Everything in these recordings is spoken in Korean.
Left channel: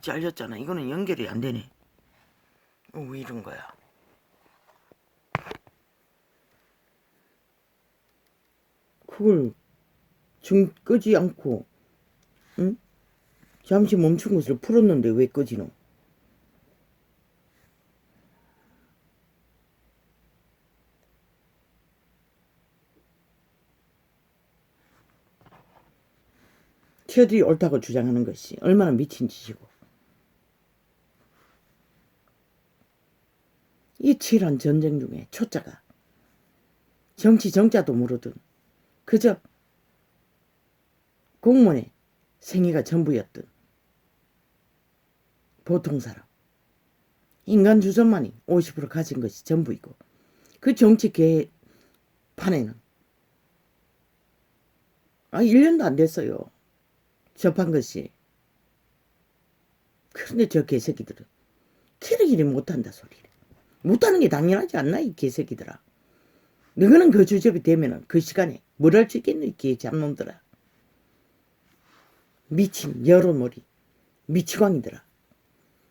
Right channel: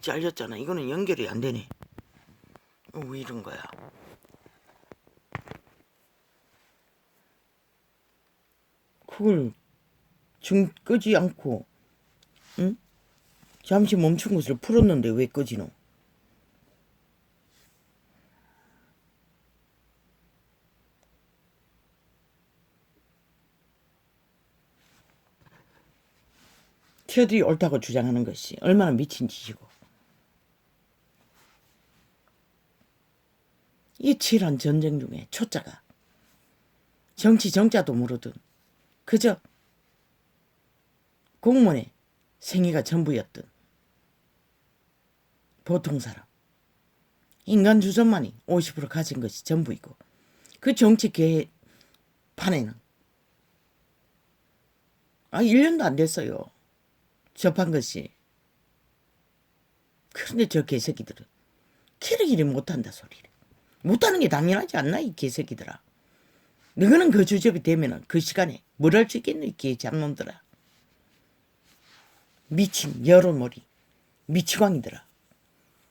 잘렸잖아. 이거는 연결이 안 되네. 왜 이런 거야? 그걸 끄지 않고, 응? 잠시 멈춘 것을 풀었는데 왜 끄지노? 티어들이 옳다고 주장하는 것이 얼마나 미친 짓이고. 이 치열한 전쟁 중에 초짜가 정치 정자도 모르던 그저 공무원의 생애가 전부였던 보통 사람. 인간 주선만이 50% 가진 것이 전부이고 그 정치 개판에는 1년도 안 됐어요. 접한 것이. 그런데 저 개새끼들은 캐르기를 못한다 소리를. 못하는 게 당연하지 않나 이 개새끼들아. 너희는 그 주접이 되면은 그 시간에 뭘 할 수 있겠노 이 개잡놈들아. 미친 여론머리 미치광이더라.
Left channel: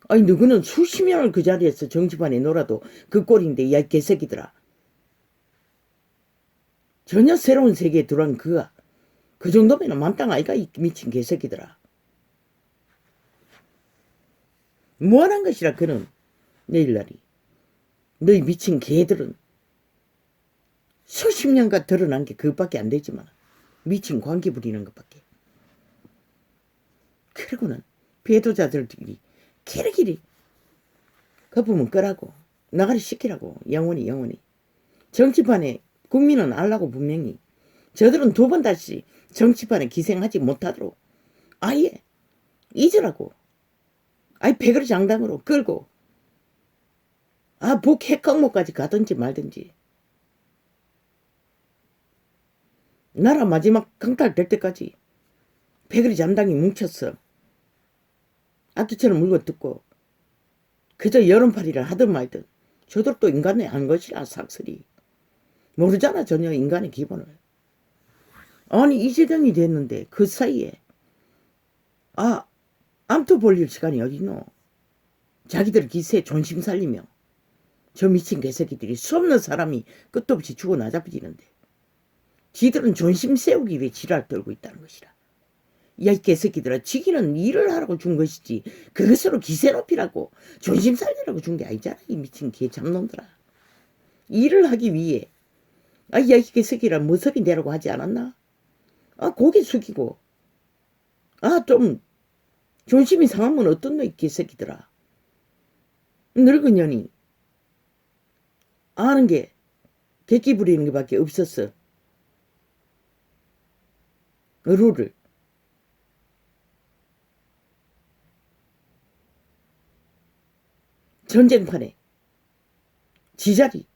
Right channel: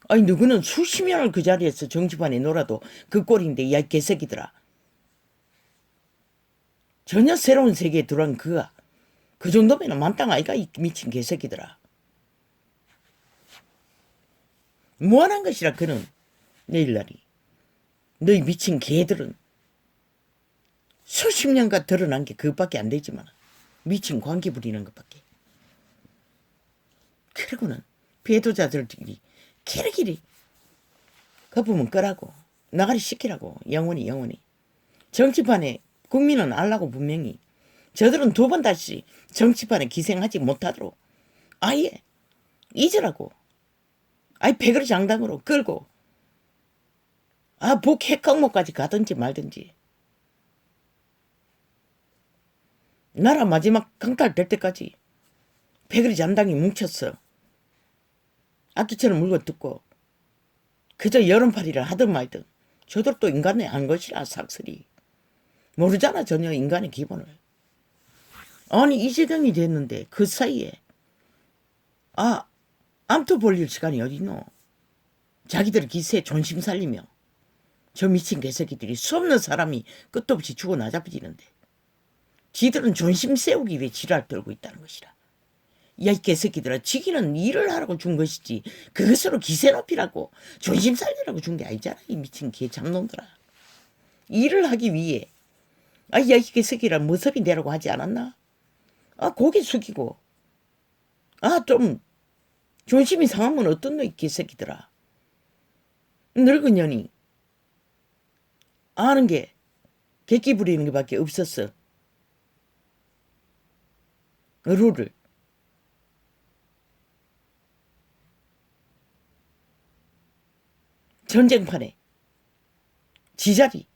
아니 누구는 수십 년을 그 자리에서 정치판에 놀아도 그 꼴인데 야 개새끼들아. 전혀 새로운 세계에 들어온 그가 그 정도면 만땅 아이가 이 미친 개새끼들아. 무한한 것이라 그는 내일날이. 너희 미친 개들은 수십 년간 드러난 게 그것밖에 안 되지만 미친 광기 부리는 것밖에. 그리고는 배도자들이 캐르기리 거품은 끄라고 나가리 시키라고 영원히 정치판에 국민은 알라고 분명히 저들은 두 번 다시 정치판에 기생하지 못하도록 아예 잊으라고 아예 배그릇 장당으로 끌고 복핵광목까지 가든지 말든지 나라 마지막 강탈될 때까지 배그릇 장당이 뭉쳤어. 악기처럼 물고 뜯고 그저 여론팔이를 하든 말든 저들도 인간의 한 것이라 삭슬이 모르잖아 전혀 인간의 기본을. 아니 이 지경이 됐는데 그 사이에 암투 벌릴 시간이 어딨노. 자기들 기세에 존심 살리며 저 미친 개새끼들이 수없는 사람이 끝도 없이 죽어 나잡아지는데 지들은 존심 세우기 위해 지랄 떨고 있다는 것이라. 야 이 개새끼들아 지기는 일을 하라고 준 것이지 그것으로 기세 높이라고 존심 살리라고 준 게 아니잖아 이 미친 개잡놈들아. 일을 하기 위해 야 이 개새끼라 무섭이 되라고 하지 않았나. 고개 숙이고 좀 존심이 상하면 어떤 너 이 개새끼들아. 늙은 년이 아는 게 객기 부리는 게 밖에 없었어. 룰을. 전쟁판에 지자리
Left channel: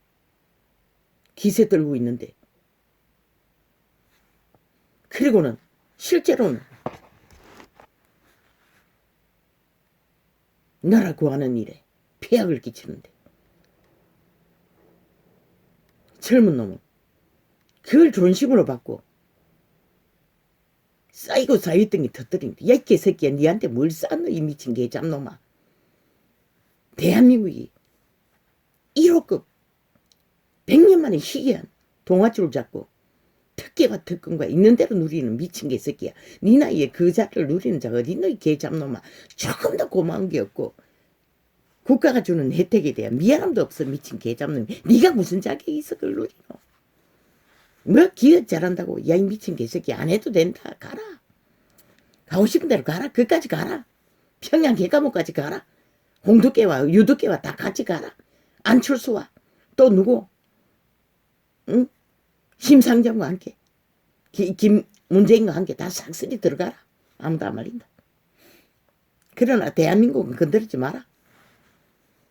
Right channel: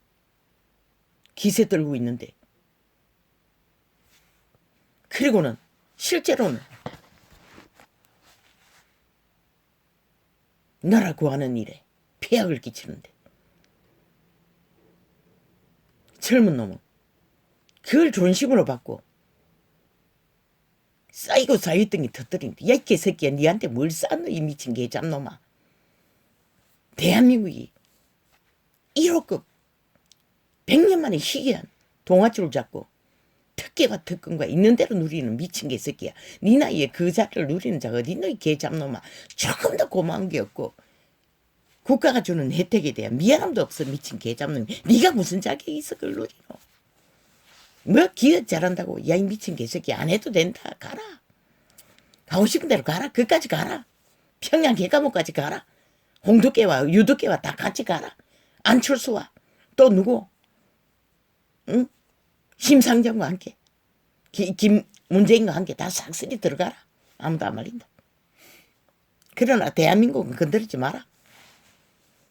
기세 떨고 있는데 그리고는 실제로는 나라 구하는 일에 폐악을 끼치는데 젊은 놈은 그걸 존심으로 받고 쌓이고 쌓였던 게 터뜨린다. 야 이 개새끼야 니한테 뭘 쌓노 이 미친 개잡놈아. 대한민국이 1호급 100년 만에 희귀한 동아줄을 잡고 특혜와 특권과 있는 대로 누리는 미친 개새끼야. 네 나이에 그 자리를 누리는 자가 어딨노 이 개잡놈아. 조금 더 고마운 게 없고 국가가 주는 혜택에 대한 미안함도 없어 미친 개잡놈. 네가 무슨 자격이 있어 그걸 누리노. 뭐 기억 잘한다고 야 이 미친 개새끼 안 해도 된다. 가라. 가고 싶은 대로 가라. 그까지 가라. 평양 개감옥까지 가라. 홍두깨와 유두깨와 다 같이 가라. 안철수와 또 누구? 응? 심상정과 함께 문재인과 함께 다 싹쓸이 들어가라. 아무도 안 말린다. 그러나 대한민국은 건드리지 마라.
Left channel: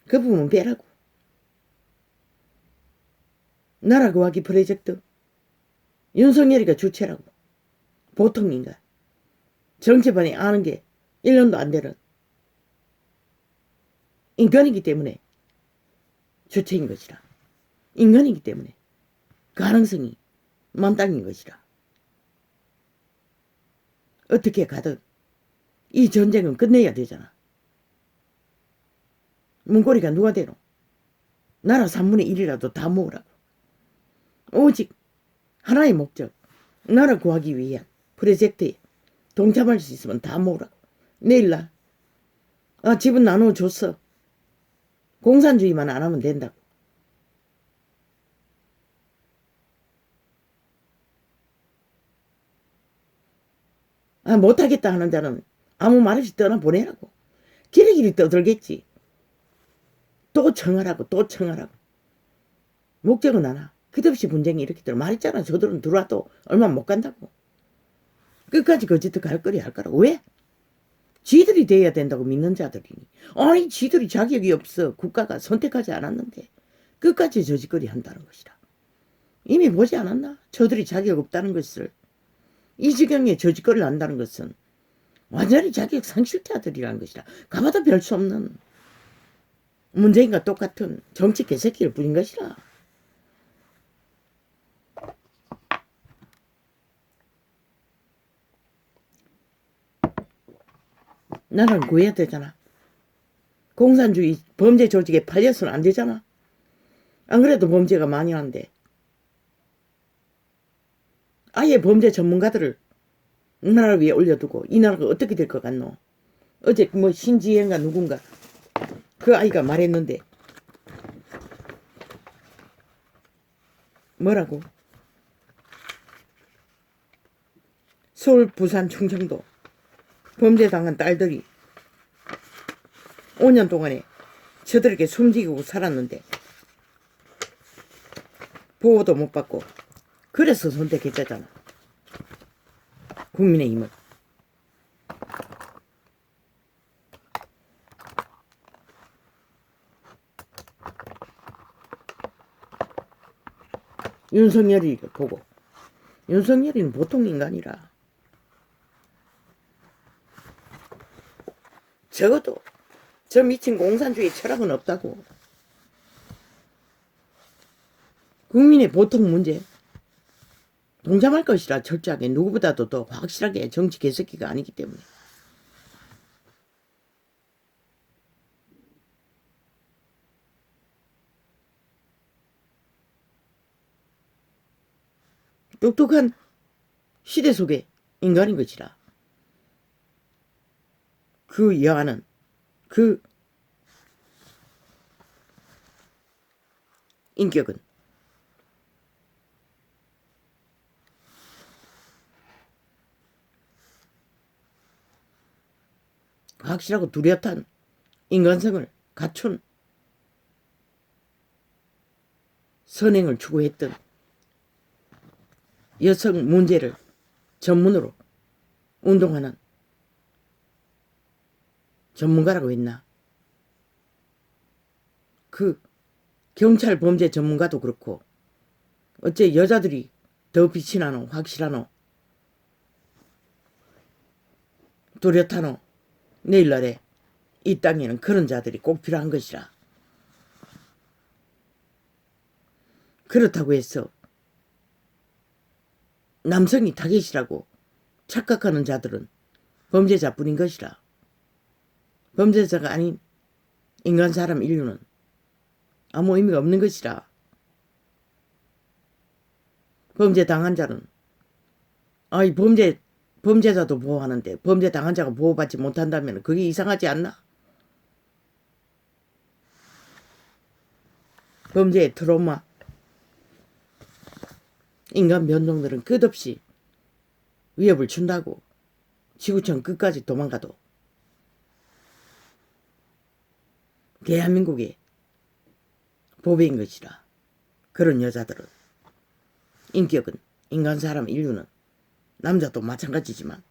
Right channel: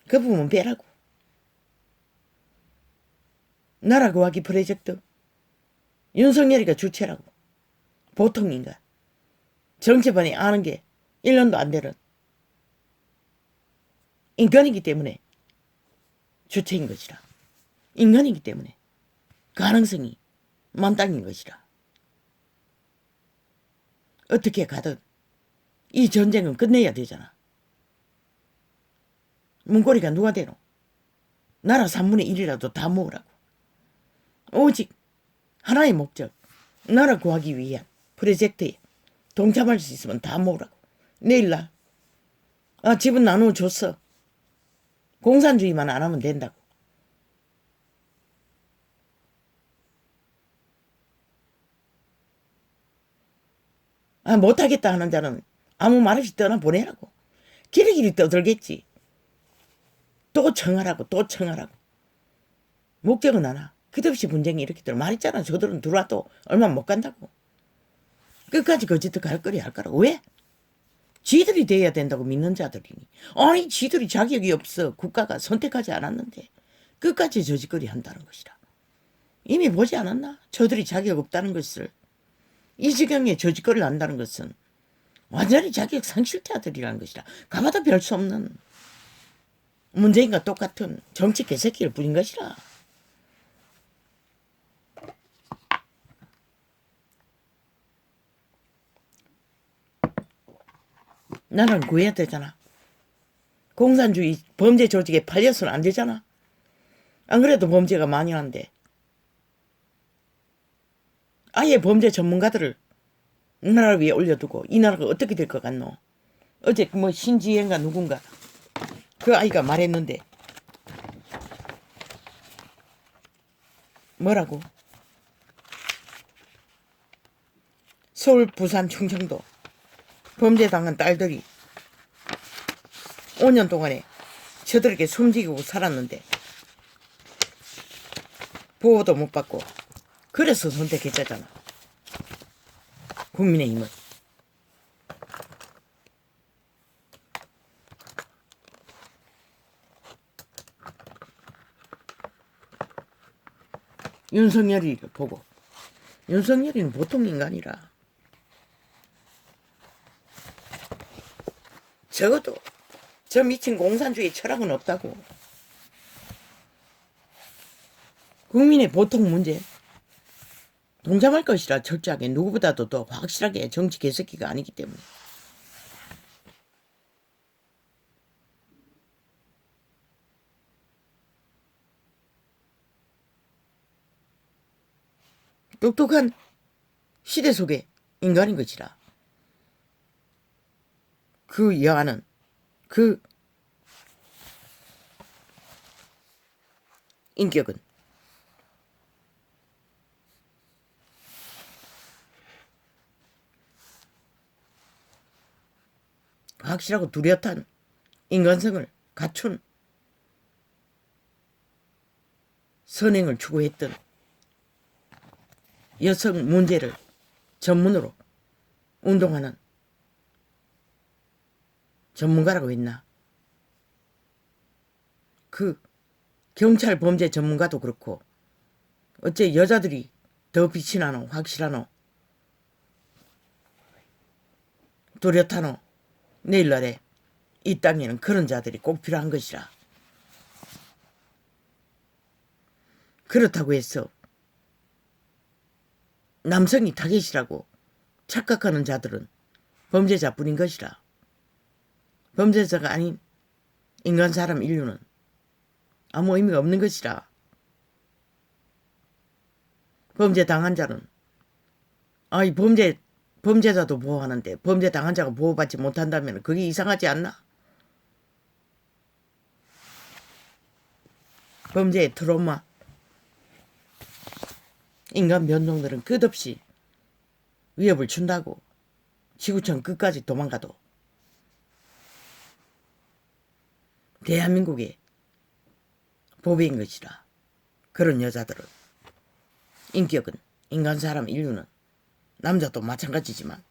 그 부분 빼라고. 나라 구하기 프로젝트 윤석열이가 주체라고. 보통 인간. 정치판에 아는 게 1년도 안 되는 인간이기 때문에 주체인 것이라. 인간이기 때문에 가능성이 만땅인 것이라. 어떻게 가든 이 전쟁은 끝내야 되잖아. 문고리가 누가 되노? 나라 3분의 1이라도 다 모으라고. 오직 하나의 목적, 나라 구하기 위한 프로젝트에 동참할 수 있으면 다 모으라고. 내일 날 집은 나눠줬어. 공산주의만 안 하면 된다고. 못하겠다 하는 자는 아무 말 없이 떠나보내라고. 길이길이 떠들겠지. 또 청하라고, 또 청하라고. 목적은 하나. 끝없이 분쟁이 이렇게 들어. 말했잖아. 저들은 들어와도 얼마 못 간다고. 끝까지 거짓도 갈 거리 할 거라고. 왜? 지들이 돼야 된다고 믿는 자들이니. 아니 지들이 자격이 없어. 국가가 선택하지 않았는데 끝까지 저짓거리 한다는 것이라. 이미 보지 않았나? 저들이 자격 없다는 것을. 이 지경에 저짓거리를 한다는 것은 완전히 자격 상실자들이라는 것이라. 가봐도 별 수 없는 문재인과 똑같은 정치 개새끼를 부린 것이라. 나라는 구해야 되잖아. 공산주의 범죄 조직에 팔려서는 안 되잖아. 안 그래도 범죄가 만연한데. 아예 범죄 전문가들을 나라 위에 올려두고 이 나라가 어떻게 될 것 같노? 어제 뭐 신지혜인가 누군가 그 아이가 말했는데 뭐라고? 서울, 부산, 충청도 범죄당한 딸들이 5년 동안에 저들에게 숨지고 살았는데 보호도 못 받고 그래서 선택했잖아. 국민의힘은. 윤석열이 보고. 윤석열이는 보통 인간이라. 적어도 저 미친 공산주의 철학은 없다고. 국민의 보통 문제 동참할 것이라. 철저하게 누구보다도 더 확실하게. 정치 개새끼가 아니기 때문에. 똑똑한 시대 속의 인간인 것이라. 그 여하는 그 인격은 확실하고 뚜렷한 인간성을 갖춘 선행을 추구했던 여성 문제를 전문으로 운동하는 전문가라고 했나? 그 경찰 범죄 전문가도 그렇고 어째 여자들이 더 빛이 나노? 확실하노? 뚜렷하노? 내일날에 이 땅에는 그런 자들이 꼭 필요한 것이라. 그렇다고 해서 남성이 타겟이라고 착각하는 자들은 범죄자뿐인 것이라. 범죄자가 아닌 인간 사람 인류는 아무 의미가 없는 것이라. 범죄 당한 자는 범죄자도 보호하는데 범죄 당한 자가 보호받지 못한다면 그게 이상하지 않나? 범죄의 트라우마. 인간 변종들은 끝없이 위협을 준다고. 지구촌 끝까지 도망가도. 대한민국의 보배인 것이라. 그런 여자들은. 인격은 인간 사람 인류는 남자도 마찬가지지만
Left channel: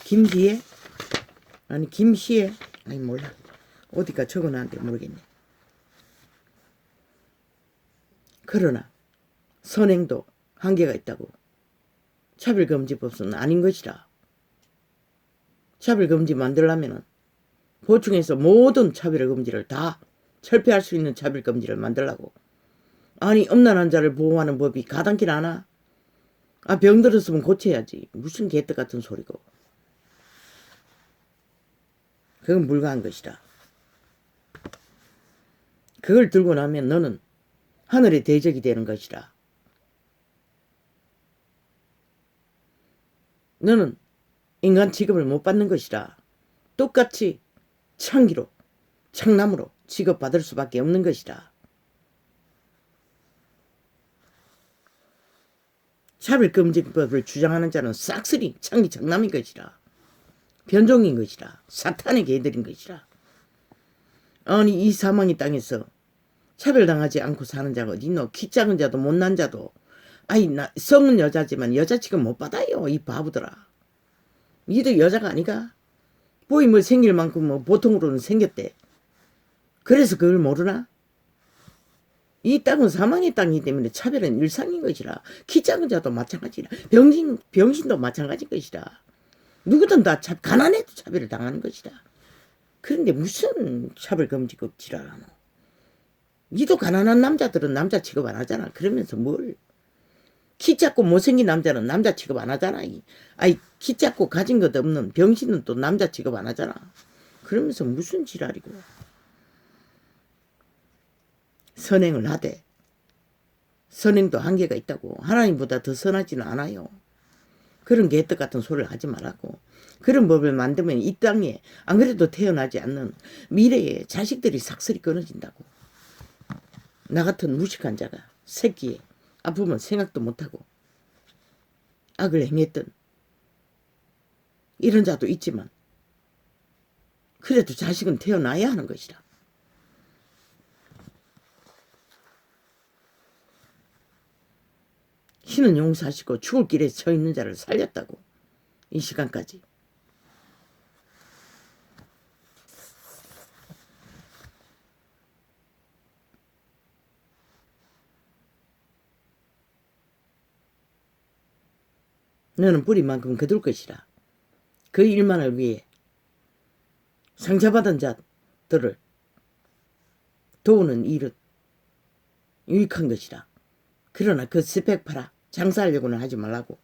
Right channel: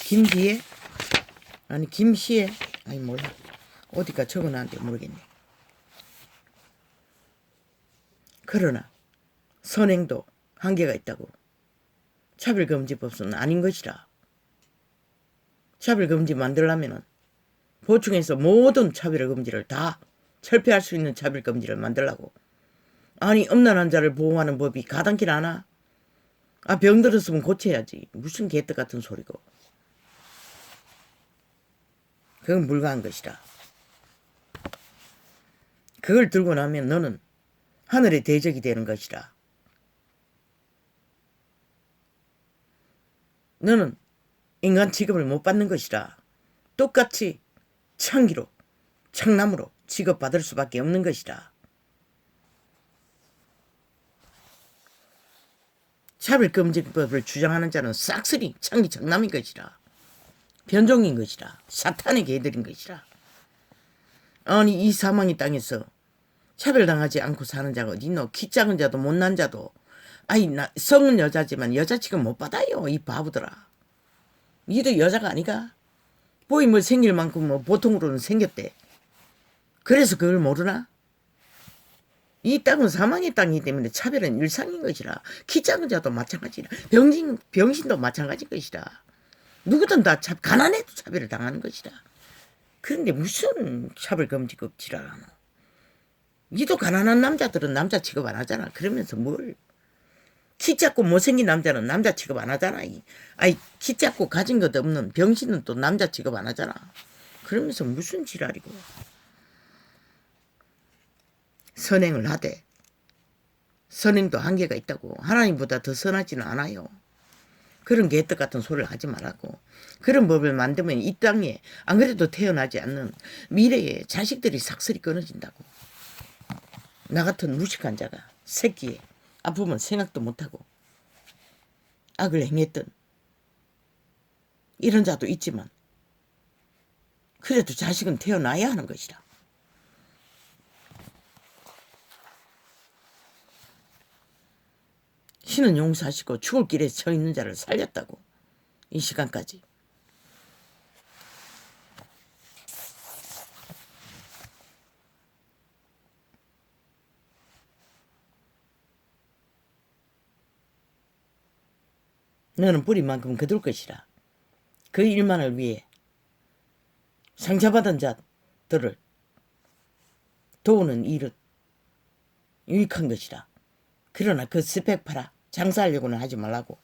김기혜? 아니 김시혜? 아니 몰라. 어디가 적어놨는데 모르겠네. 그러나 선행도 한계가 있다고. 차별금지법은 아닌 것이라. 차별금지 만들려면 보충해서 모든 차별금지를 다 철폐할 수 있는 차별금지를 만들라고. 아니 음란한 자를 보호하는 법이 가당길 않아? 아 병들었으면 고쳐야지. 무슨 개떡 같은 소리고. 그건 불가한 것이라. 그걸 들고 나면 너는 하늘의 대적이 되는 것이라. 너는 인간 취급을 못 받는 것이라. 똑같이 창기로 창남으로 취급받을 수밖에 없는 것이라. 차별금지법을 주장하는 자는 싹쓸이 창기 창남인 것이라. 변종인 것이라. 사탄의 개들인 것이라. 아니 이 사망의 땅에서 차별당하지 않고 사는 자가 어디 있노? 키 작은 자도 못난 자도. 아이 성은 여자지만 여자 취급 못 받아요. 이 바보들아. 니도 여자가 아니가? 보이 뭐 생길 만큼 뭐 보통으로는 생겼대. 그래서 그걸 모르나? 이 땅은 사망의 땅이기 때문에 차별은 일상인 것이라. 키 작은 자도 마찬가지라. 병신도 마찬가지인 것이라. 누구든 다 가난해도 차별을 당하는 것이라. 그런데 무슨 차별금지법지라. 니도 가난한 남자들은 남자 취급 안 하잖아. 그러면서 뭘. 키 작고 못생긴 남자는 남자 취급 안 하잖아. 아이 키 작고 가진 것 없는 병신은 또 남자 취급 안 하잖아. 그러면서 무슨 지랄이고. 선행을 하되 선행도 한계가 있다고. 하나님보다 더 선하지는 않아요. 그런 개떡 같은 소리를 하지 말라고. 그런 법을 만들면 이 땅에 안 그래도 태어나지 않는 미래에 자식들이 삭슬이 끊어진다고. 나 같은 무식한 자가 새끼에 아프면 생각도 못하고 악을 행했던 이런 자도 있지만 그래도 자식은 태어나야 하는 것이라. 신은 용서하시고 죽을 길에 서 있는 자를 살렸다고. 이 시간까지. 너는 뿌리만큼 거둘 것이라. 그 일만을 위해 상처받은 자들을 도우는 일은 유익한 것이라. 그러나 그 스펙 팔아 장사하려고는 하지 말라고.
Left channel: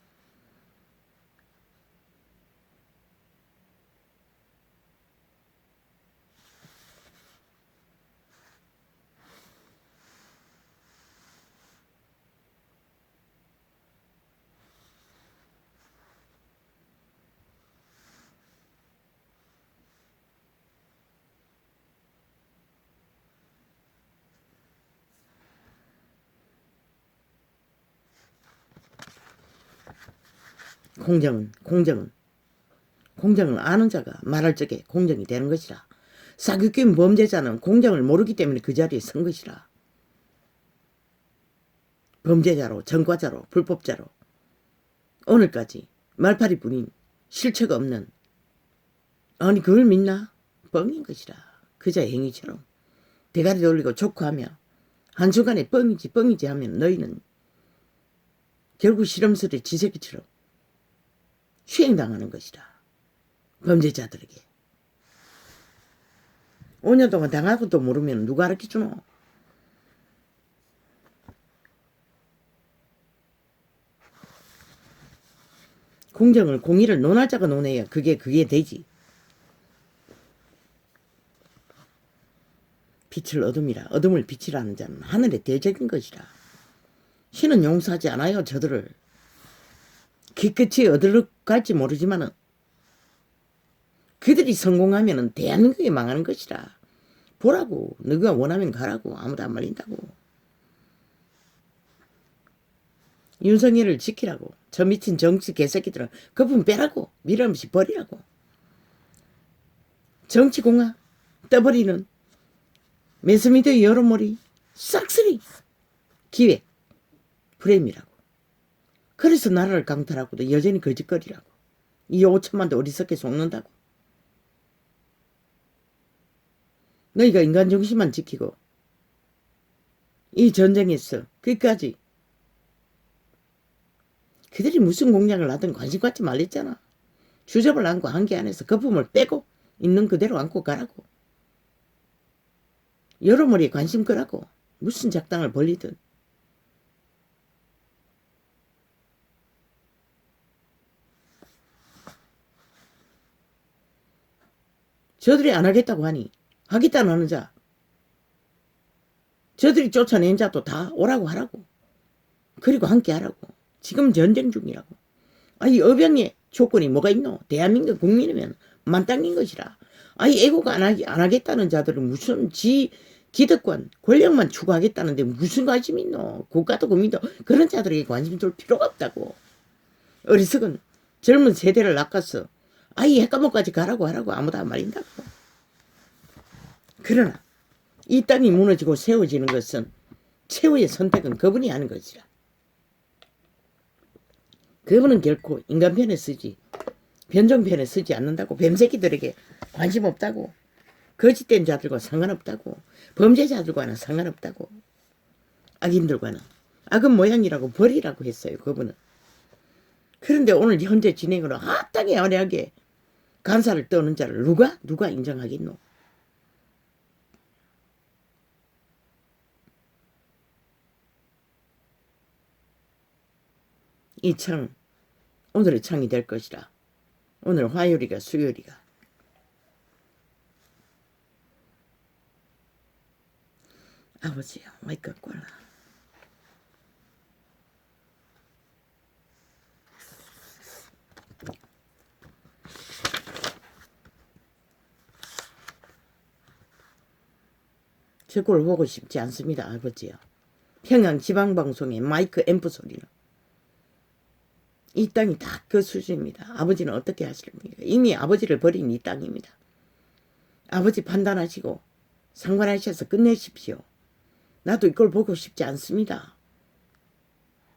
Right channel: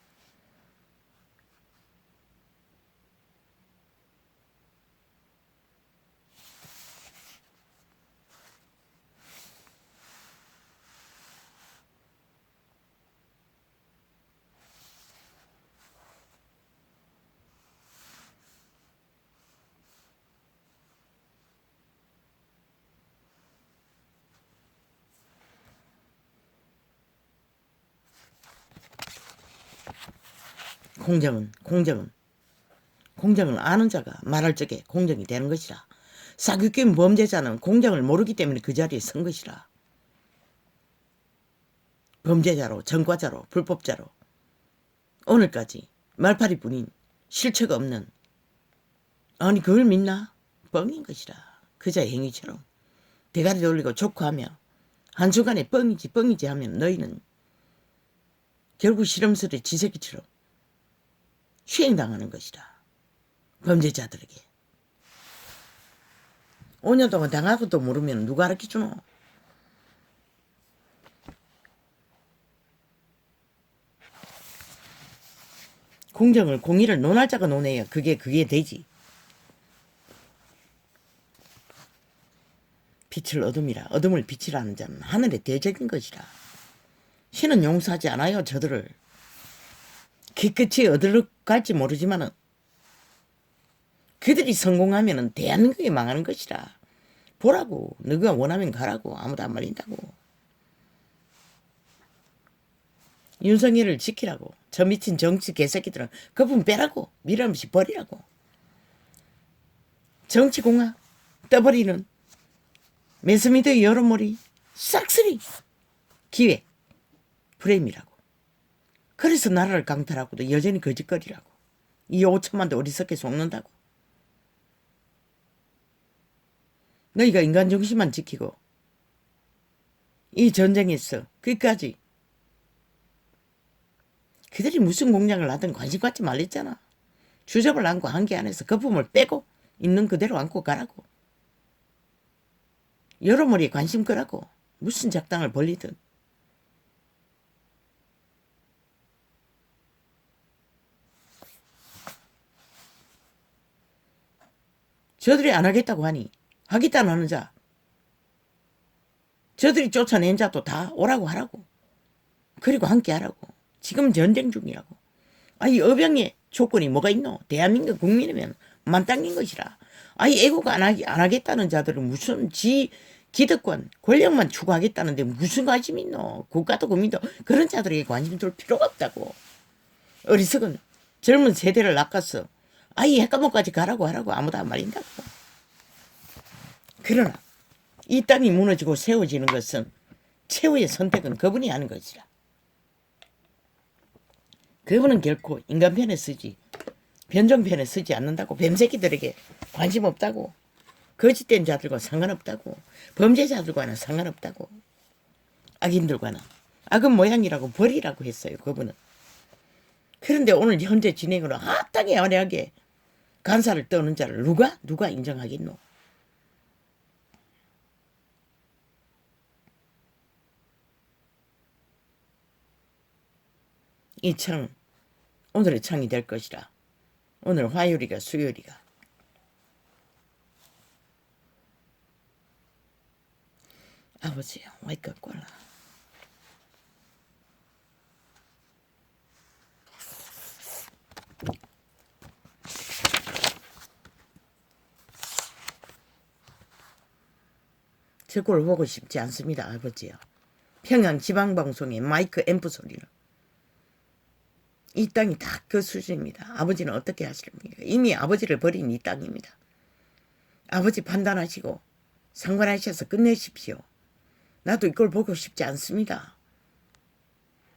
공정을 아는 자가 말할 적에 공정이 되는 것이라. 사기꾼 범죄자는 공정을 모르기 때문에 그 자리에 선 것이라. 범죄자로 전과자로 불법자로 오늘까지 말파리뿐인 실체가 없는. 아니 그걸 믿나? 뻥인 것이라. 그자의 행위처럼 대가리 돌리고 족구하며 한순간에 뻥이지 하면 너희는 결국 실험실의 지새끼처럼 수행당하는 것이라. 범죄자들에게. 5년 동안 당하고도 모르면 누가 가르쳐주노? 공의를 논할 자가 논해야 그게 되지. 빛을 어둠이라. 어둠을 빛이라는 자는 하늘의 대적인 것이라. 신은 용서하지 않아요. 저들을. 기끝이 어디로 갈지 모르지만은 그들이 성공하면은 대한민국이 망하는 것이라. 보라고. 너가 원하면 가라고. 아무도 안 말린다고. 윤석열을 지키라고. 저 미친 정치 개새끼들은 그분 빼라고. 밀어없이 버리라고. 정치공학 떠버리는 매스미디어 여론몰이 싹쓸이 기획 프레임이라고. 그래서 나라를 강탈하고도 여전히 거짓거리라고. 이 5천만도 어리석게 속는다고. 너희가 인간 중심만 지키고 이 전쟁에서 끝까지 그들이 무슨 공약을 하든 관심 갖지 말랬잖아. 주접을 안고 한계 안에서 거품을 빼고 있는 그대로 안고 가라고. 여러머리에 관심 끄라고. 무슨 작당을 벌리든. 저들이 안 하겠다고 하니 하겠다는 하는 자, 저들이 쫓아낸 자도 다 오라고 하라고. 그리고 함께 하라고. 지금 전쟁 중이라고. 이 어병의 조건이 뭐가 있노? 대한민국 국민이면 만땅인 것이라. 애국 안 하겠다는 자들은 무슨 기득권, 권력만 추구하겠다는데 무슨 관심이 있노? 국가도 국민도 그런 자들에게 관심 둘 필요가 없다고. 어리석은 젊은 세대를 낚아서 핵감옥까지 가라고 하라고 아무도 안 말린다고. 그러나 이 땅이 무너지고 세워지는 것은 최후의 선택은 그분이 하는 것이라. 그분은 결코 인간 편에 쓰지 변종 편에 쓰지 않는다고. 뱀새끼들에게 관심 없다고. 거짓된 자들과 상관없다고. 범죄자들과는 상관없다고. 악인들과는. 악은 모양이라고 버리라고 했어요. 그분은. 그런데 오늘 현재 진행으로 합당히 화려하게 간사를 떠는 자를 누가 인정하겠노? 이 창, 오늘의 창이 될 것이라. 오늘 화요일이가 수요일이가. 아버지야, 와이껏 꼴라. 저 꼴 보고 싶지 않습니다, 아버지요. 평양 지방방송의 마이크 앰프 소리로. 이 땅이 다 그 수준입니다. 아버지는 어떻게 하시렵니까? 이미 아버지를 버린 이 땅입니다. 아버지 판단하시고 상관하셔서 끝내십시오. 나도 이걸 보고 싶지 않습니다.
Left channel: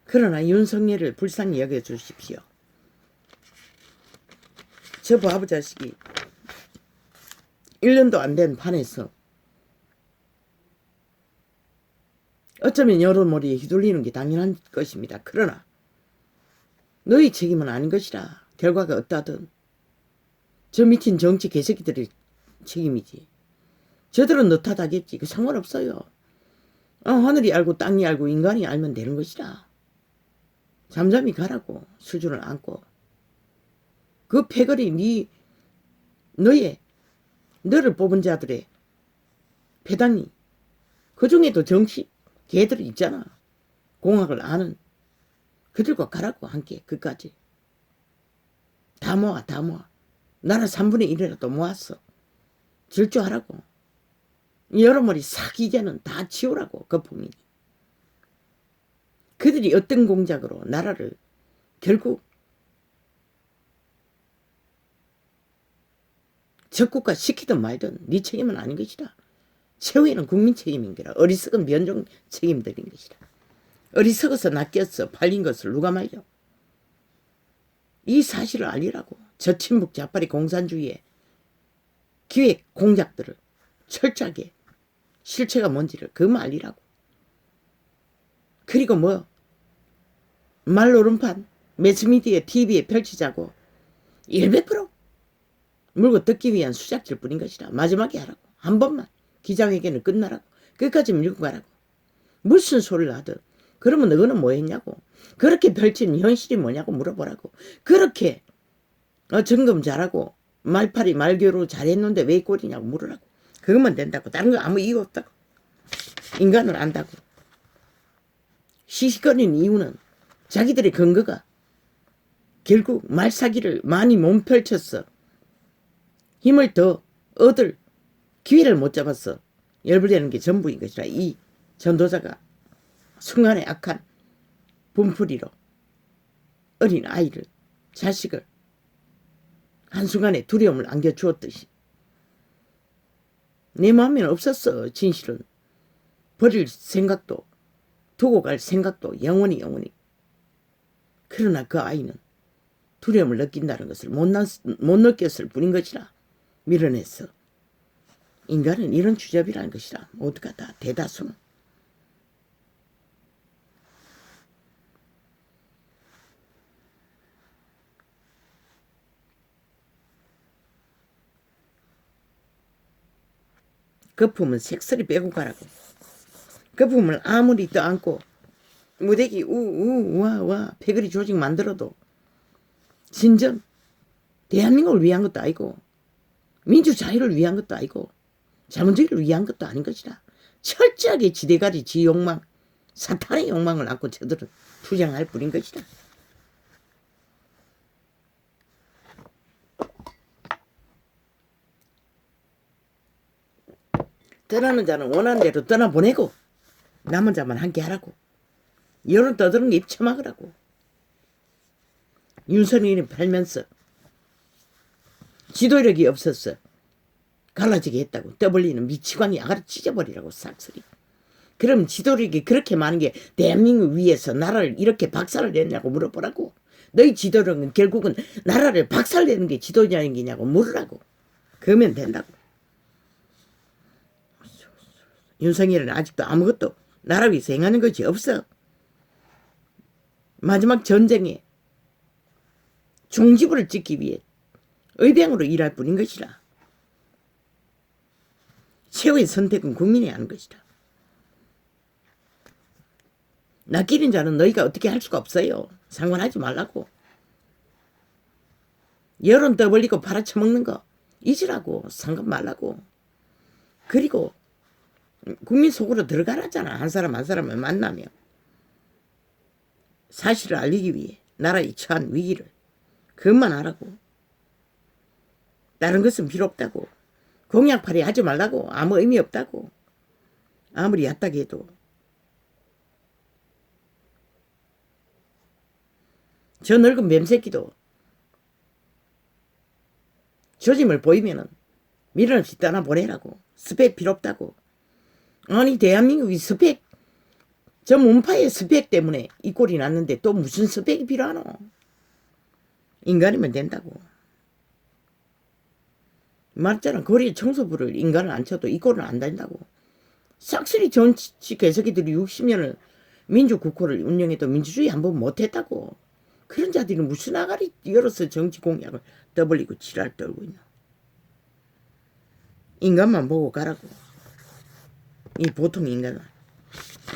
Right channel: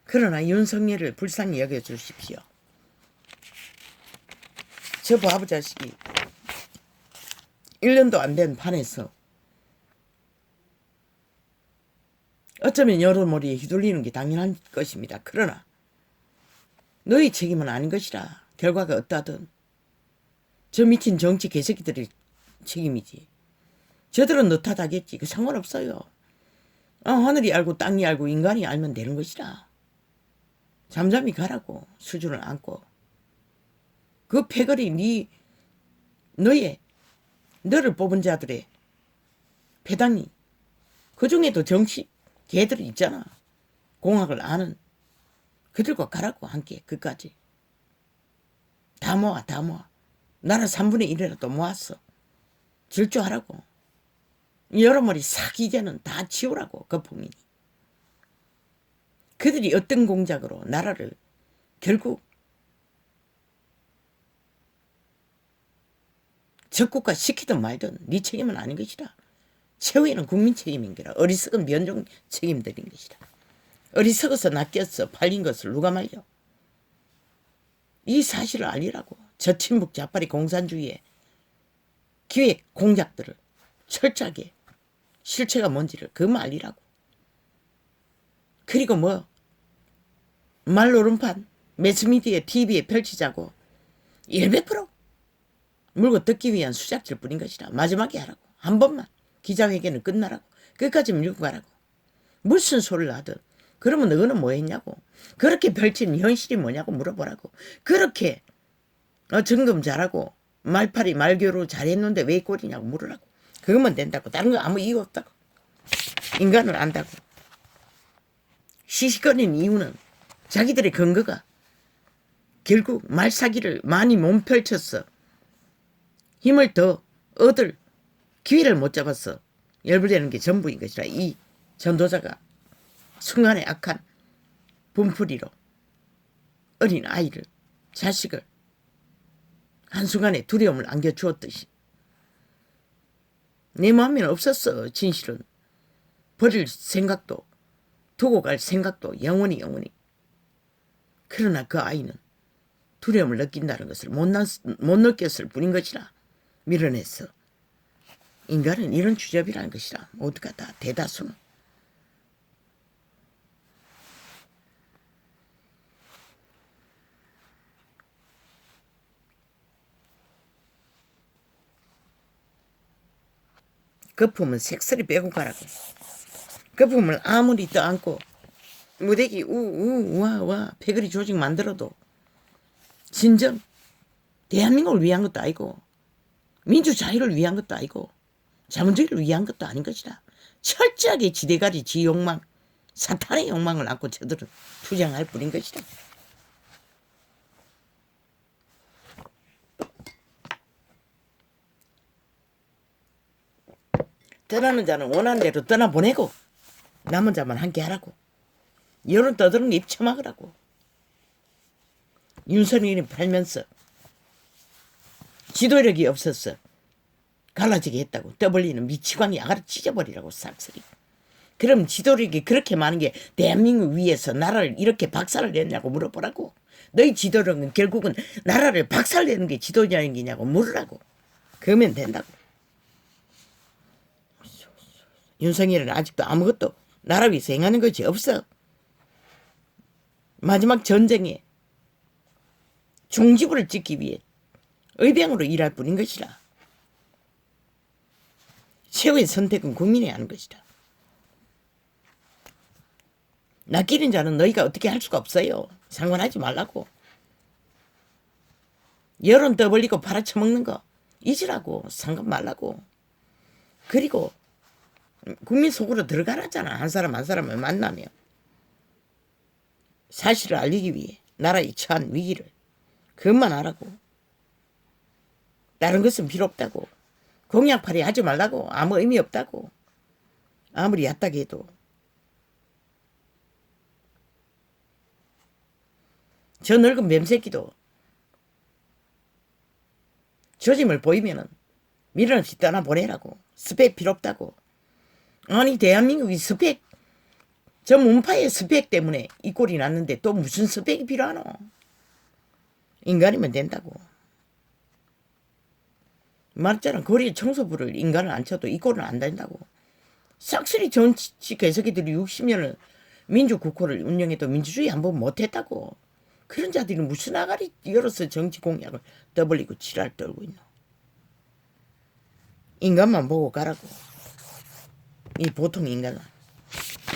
그러나 윤석열을 불쌍히 여겨주십시오. 저 바보 자식이 1년도 안 된 판에서 어쩌면 여러머리에 휘둘리는 게 당연한 것입니다. 그러나 너희 책임은 아닌 것이라. 결과가 어떠하든 저 미친 정치 개새끼들의 책임이지. 저들은 너 탓하겠지. 그 상관없어요. 하늘이 알고 땅이 알고 인간이 알면 되는 것이라. 잠잠히 가라고. 수준을 안고. 그 패거리 너를 뽑은 자들의 패단이 그 중에도 정치 개들이 있잖아. 공학을 아는 그들과 가라고. 함께 끝까지 다 모아. 나라 3분의 1이라도 모았어. 질주하라고. 여러머리 사기제는 다 치우라고. 거품이. 그들이 어떤 공작으로 나라를 결국 적국화 시키든 말든 네 책임은 아닌 것이라. 최후에는 국민 책임인 거라. 어리석은 변종 책임들인 것이라. 어리석어서 낚였어 팔린 것을 누가 말려. 이 사실을 알리라고. 저친북 자파리 공산주의의 기획 공작들을 철저하게 실체가 뭔지를 그만 알리라고. 그리고 말노름판 매스미디어 TV에 펼치자고 100% 물고 뜯기 위한 수작질 뿐인 것이라. 마지막에 하라고. 한 번만 기자회견은 끝나라고. 끝까지 밀고 가라고. 무슨 소리를 하든. 그러면 너는 뭐 했냐고. 그렇게 펼친 현실이 뭐냐고 물어보라고. 그렇게 점검 잘하고 말팔이 말교로 잘했는데 왜 꼴이냐고 물으라고. 그것만 된다고. 다른 거 아무 이유 없다고. 인간을 안다고. 시시거리는 이유는 자기들의 근거가 결국 말사기를 많이 못 펼쳤어. 힘을 더 얻을 기회를 못 잡았어. 열불되는 게 전부인 것이라. 이 전도자가 순간의 악한 분풀이로 어린 아이를 자식을 한순간에 두려움을 안겨주었듯이 내 마음에는 없었어. 진실은 버릴 생각도 두고 갈 생각도 영원히. 그러나 그 아이는 두려움을 느낀다는 것을 못 느꼈을 뿐인 것이라. 밀어냈어. 인간은 이런 주접이라는 것이라. 모두가 다 대다수는. 거품은 색소리 빼고 가라고. 거품을 아무리 떠안고 무대기 우와 패거리 조직 만들어도 진정 대한민국을 위한 것도 아니고 민주자유를 위한 것도 아니고 자본주의를 위한 것도 아닌 것이다. 철저하게 지대가리 지 욕망 사탄의 욕망을 안고 저들은 투쟁할 뿐인 것이다. 떠나는 자는 원하는 대로 떠나보내고 남은 자만 함께 하라고. 여론 떠드는 게 입처막으라고. 윤석열이 팔면서 지도력이 없었어. 갈라지게 했다고. 떠벌리는 미치광이 아가리 찢어버리라고 싹쓸이. 그럼 지도력이 그렇게 많은 게 대한민국 위에서 나라를 이렇게 박살을 냈냐고 물어보라고. 너희 지도력은 결국은 나라를 박살내는 게 지도력이냐고 물으라고. 그러면 된다고. 윤석열은 아직도 아무것도 나라 위해서 행하는 것이 없어. 마지막 전쟁에 종지부를 찍기 위해 의병으로 일할 뿐인 것이라. 최후의 선택은 국민이 하는 것이다. 낚이는 자는 너희가 어떻게 할 수가 없어요. 상관하지 말라고. 여론 떠벌리고 팔아쳐먹는 거 잊으라고. 상관 말라고. 그리고 국민 속으로 들어가라잖아. 한 사람 한 사람을 만나며. 사실을 알리기 위해 나라의 처한 위기를. 그것만 하라고. 다른 것은 필요 없다고. 공약팔이 하지 말라고. 아무 의미 없다고. 아무리 얕다게 해도. 저 늙은 뱀새끼도 조짐을 보이면은 미련 없이 떠나보내라고. 스펙 필요 없다고. 아니 대한민국이 스펙 저 문파의 스펙 때문에 이 꼴이 났는데 또 무슨 스펙이 필요하노. 인간이면 된다고. 말자는 거리에 청소부를 인간을 안 쳐도 이 꼴은 안 된다고. 싹쓸이 정치 개새끼들이 60년을 민주국호를 운영해도 민주주의 한번 못했다고. 그런 자들이 무슨 아가리 열어서 정치 공약을 떠벌리고 지랄 떨고 있노. 인간만 보고 가라고. 이 보통 인간은.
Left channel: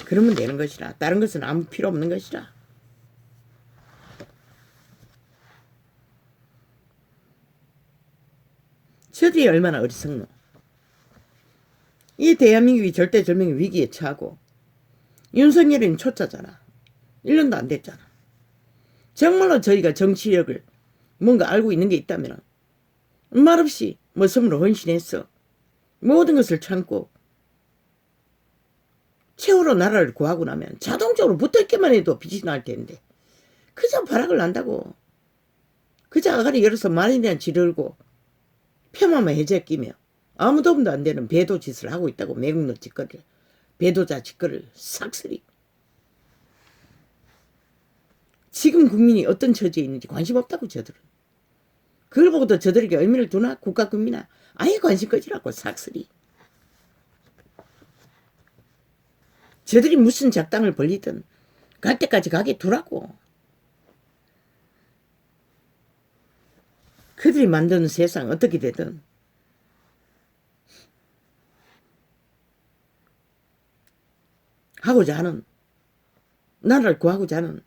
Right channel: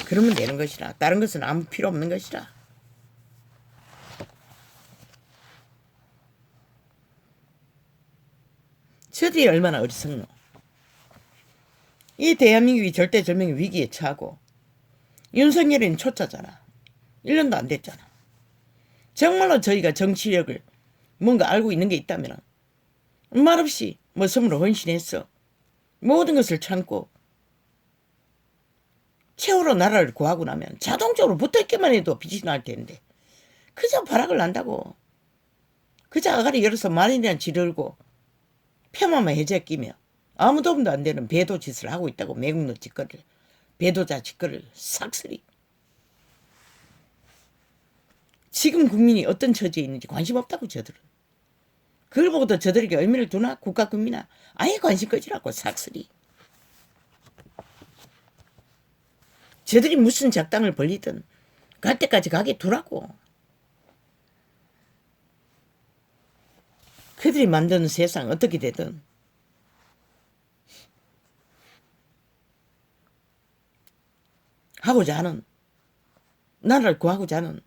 그러면 되는 것이라. 다른 것은 아무 필요 없는 것이라. 저들이 얼마나 어리석노. 이 대한민국이 절대절명의 위기에 처하고 윤석열이는 초짜잖아. 1년도 안 됐잖아. 정말로 저희가 정치력을 뭔가 알고 있는 게 있다면 말없이 머슴으로 헌신했어. 모든 것을 참고 최후로 나라를 구하고 나면 자동적으로 붙어있기만 해도 빛이 날 텐데 그저 발악을 난다고. 그저 아가리 열어서 말이나 지르고 폄하만 해제 끼며 아무 도움도 안 되는 배도 짓을 하고 있다고. 매국노 짓거리를 배도자 짓거리를 싹쓸이. 지금 국민이 어떤 처지에 있는지 관심 없다고 저들은. 그걸 보고도 저들에게 의미를 두나? 국가 국민아 아예 관심 꺼지라고 싹쓸이. 저들이 무슨 작당을 벌리든 갈 때까지 가게 두라고. 그들이 만드는 세상 어떻게 되든 하고자 하는 나라를 구하고자 하는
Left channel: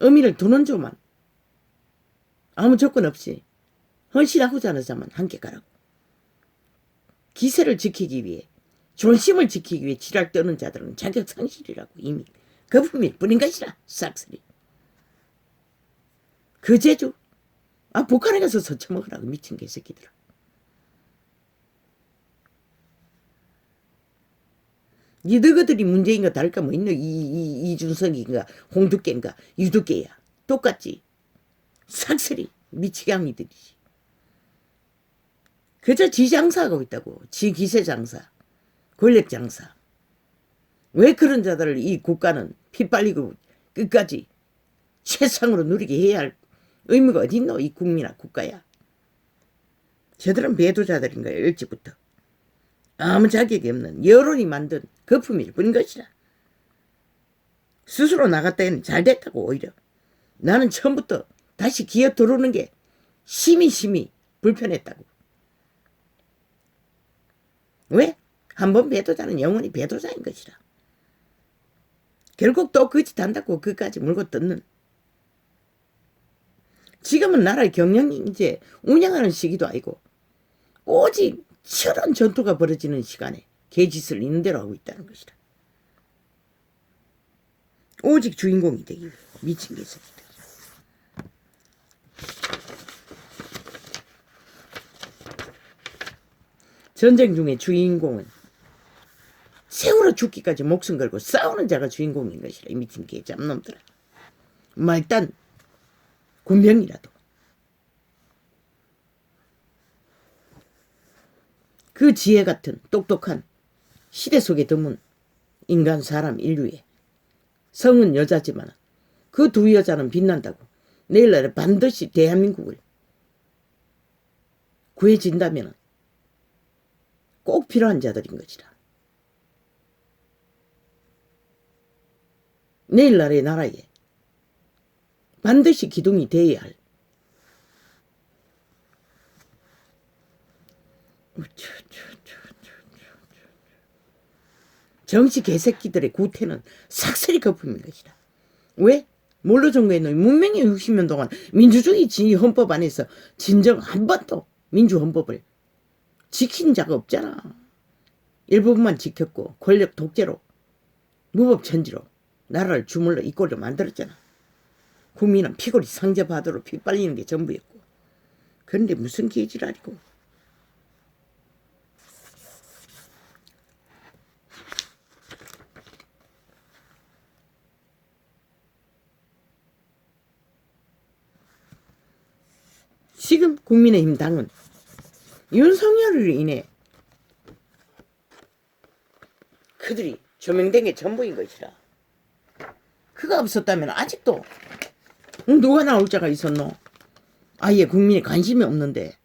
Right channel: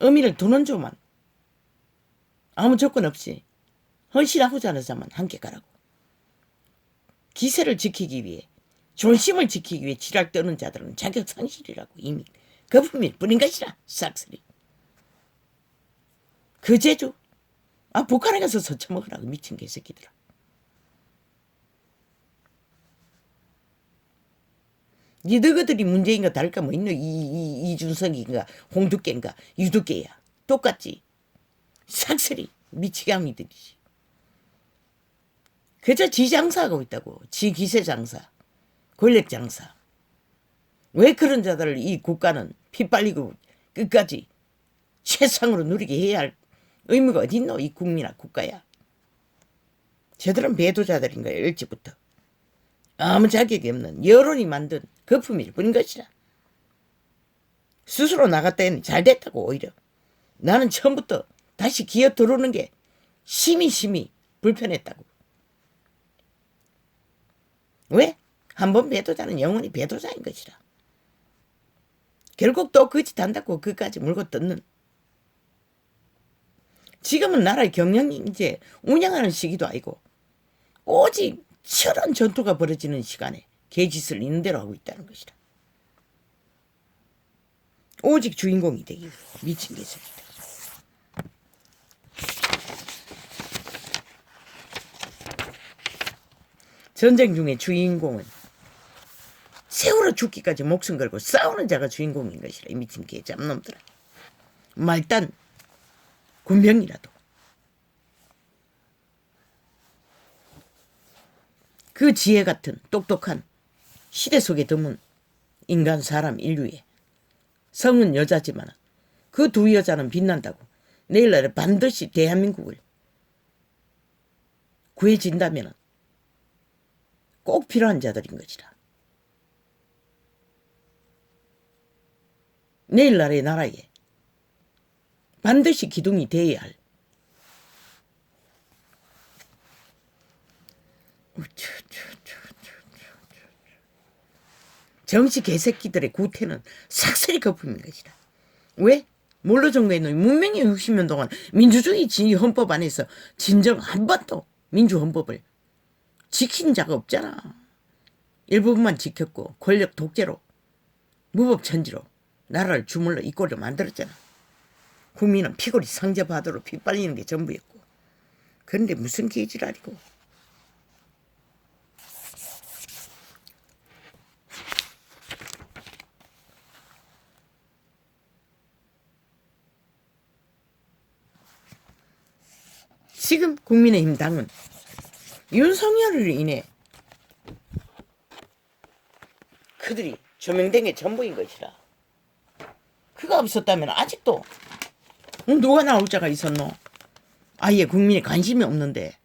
의미를 두는 조만 아무 조건 없이 헌신하고자 하는 자만 함께 가라고. 기세를 지키기 위해 존심을 지키기 위해 지랄 떠는 자들은 자격 상실이라고. 이미 거품일 뿐인 것이라 싹쓸이. 그 제주 북한에 가서 서쳐먹으라고. 미친 개새끼들아. 니 너희들이 문제인가 다를까 뭐 있노. 이준석인가 홍두깨인가 유두깨야 똑같지. 싹쓸이 미치광이들이지. 그저 지 장사하고 있다고. 지 기세 장사 권력 장사. 왜 그런 자들을 이 국가는 피 빨리고 끝까지 최상으로 누리게 해야 할 의무가 어디 있노. 이 국민아 국가야. 저들은 배도자들인 거야. 일찍부터. 아무 자격이 없는 여론이 만든 거품일 뿐인 것이라. 스스로 나갔다 해는 잘 됐다고. 오히려 나는 처음부터 다시 기어 들어오는 게 심히 불편했다고. 왜? 한번 배도자는 영원히 배도자인 것이라. 결국 또 그 짓 한다고 그까지 물고 뜯는. 지금은 나라의 경영이 이제 운영하는 시기도 아니고 오직 치열한 전투가 벌어지는 시간에 개짓을 있는 대로 하고 있다는 것이다. 오직 주인공이 되기 위해 미친 개새끼다. 전쟁 중에 주인공은 세월호 죽기까지 목숨 걸고 싸우는 자가 주인공인 것이라. 이 미친 개 잡놈들아. 말단 군병이라도 그 지혜 같은 똑똑한 시대 속에 드문 인간 사람 인류에 성은 여자지만 그 두 여자는 빛난다고 내일날에 반드시 대한민국을 구해진다면 꼭 필요한 자들인 것이다. 내일날의 나라에 반드시 기둥이 되어야 할 정치 개새끼들의 구태는 삭슬이 거품인 것이다. 왜? 몰로 정부에는 문명의 60년 동안 민주주의 진위 헌법 안에서 진정 한 번도 민주헌법을 지킨 자가 없잖아. 일부분만 지켰고 권력 독재로 무법천지로 나라를 주물러 이 꼴로 만들었잖아. 국민은 피골이 상접하도록 피 빨리는 게 전부였고. 그런데 무슨 개지랄이고. 지금 국민의힘 당은 윤석열을 인해 그들이 조명된 게 전부인 것이라. 그가 없었다면 아직도 누가 나올 자가 있었노? 아예 국민에 관심이 없는데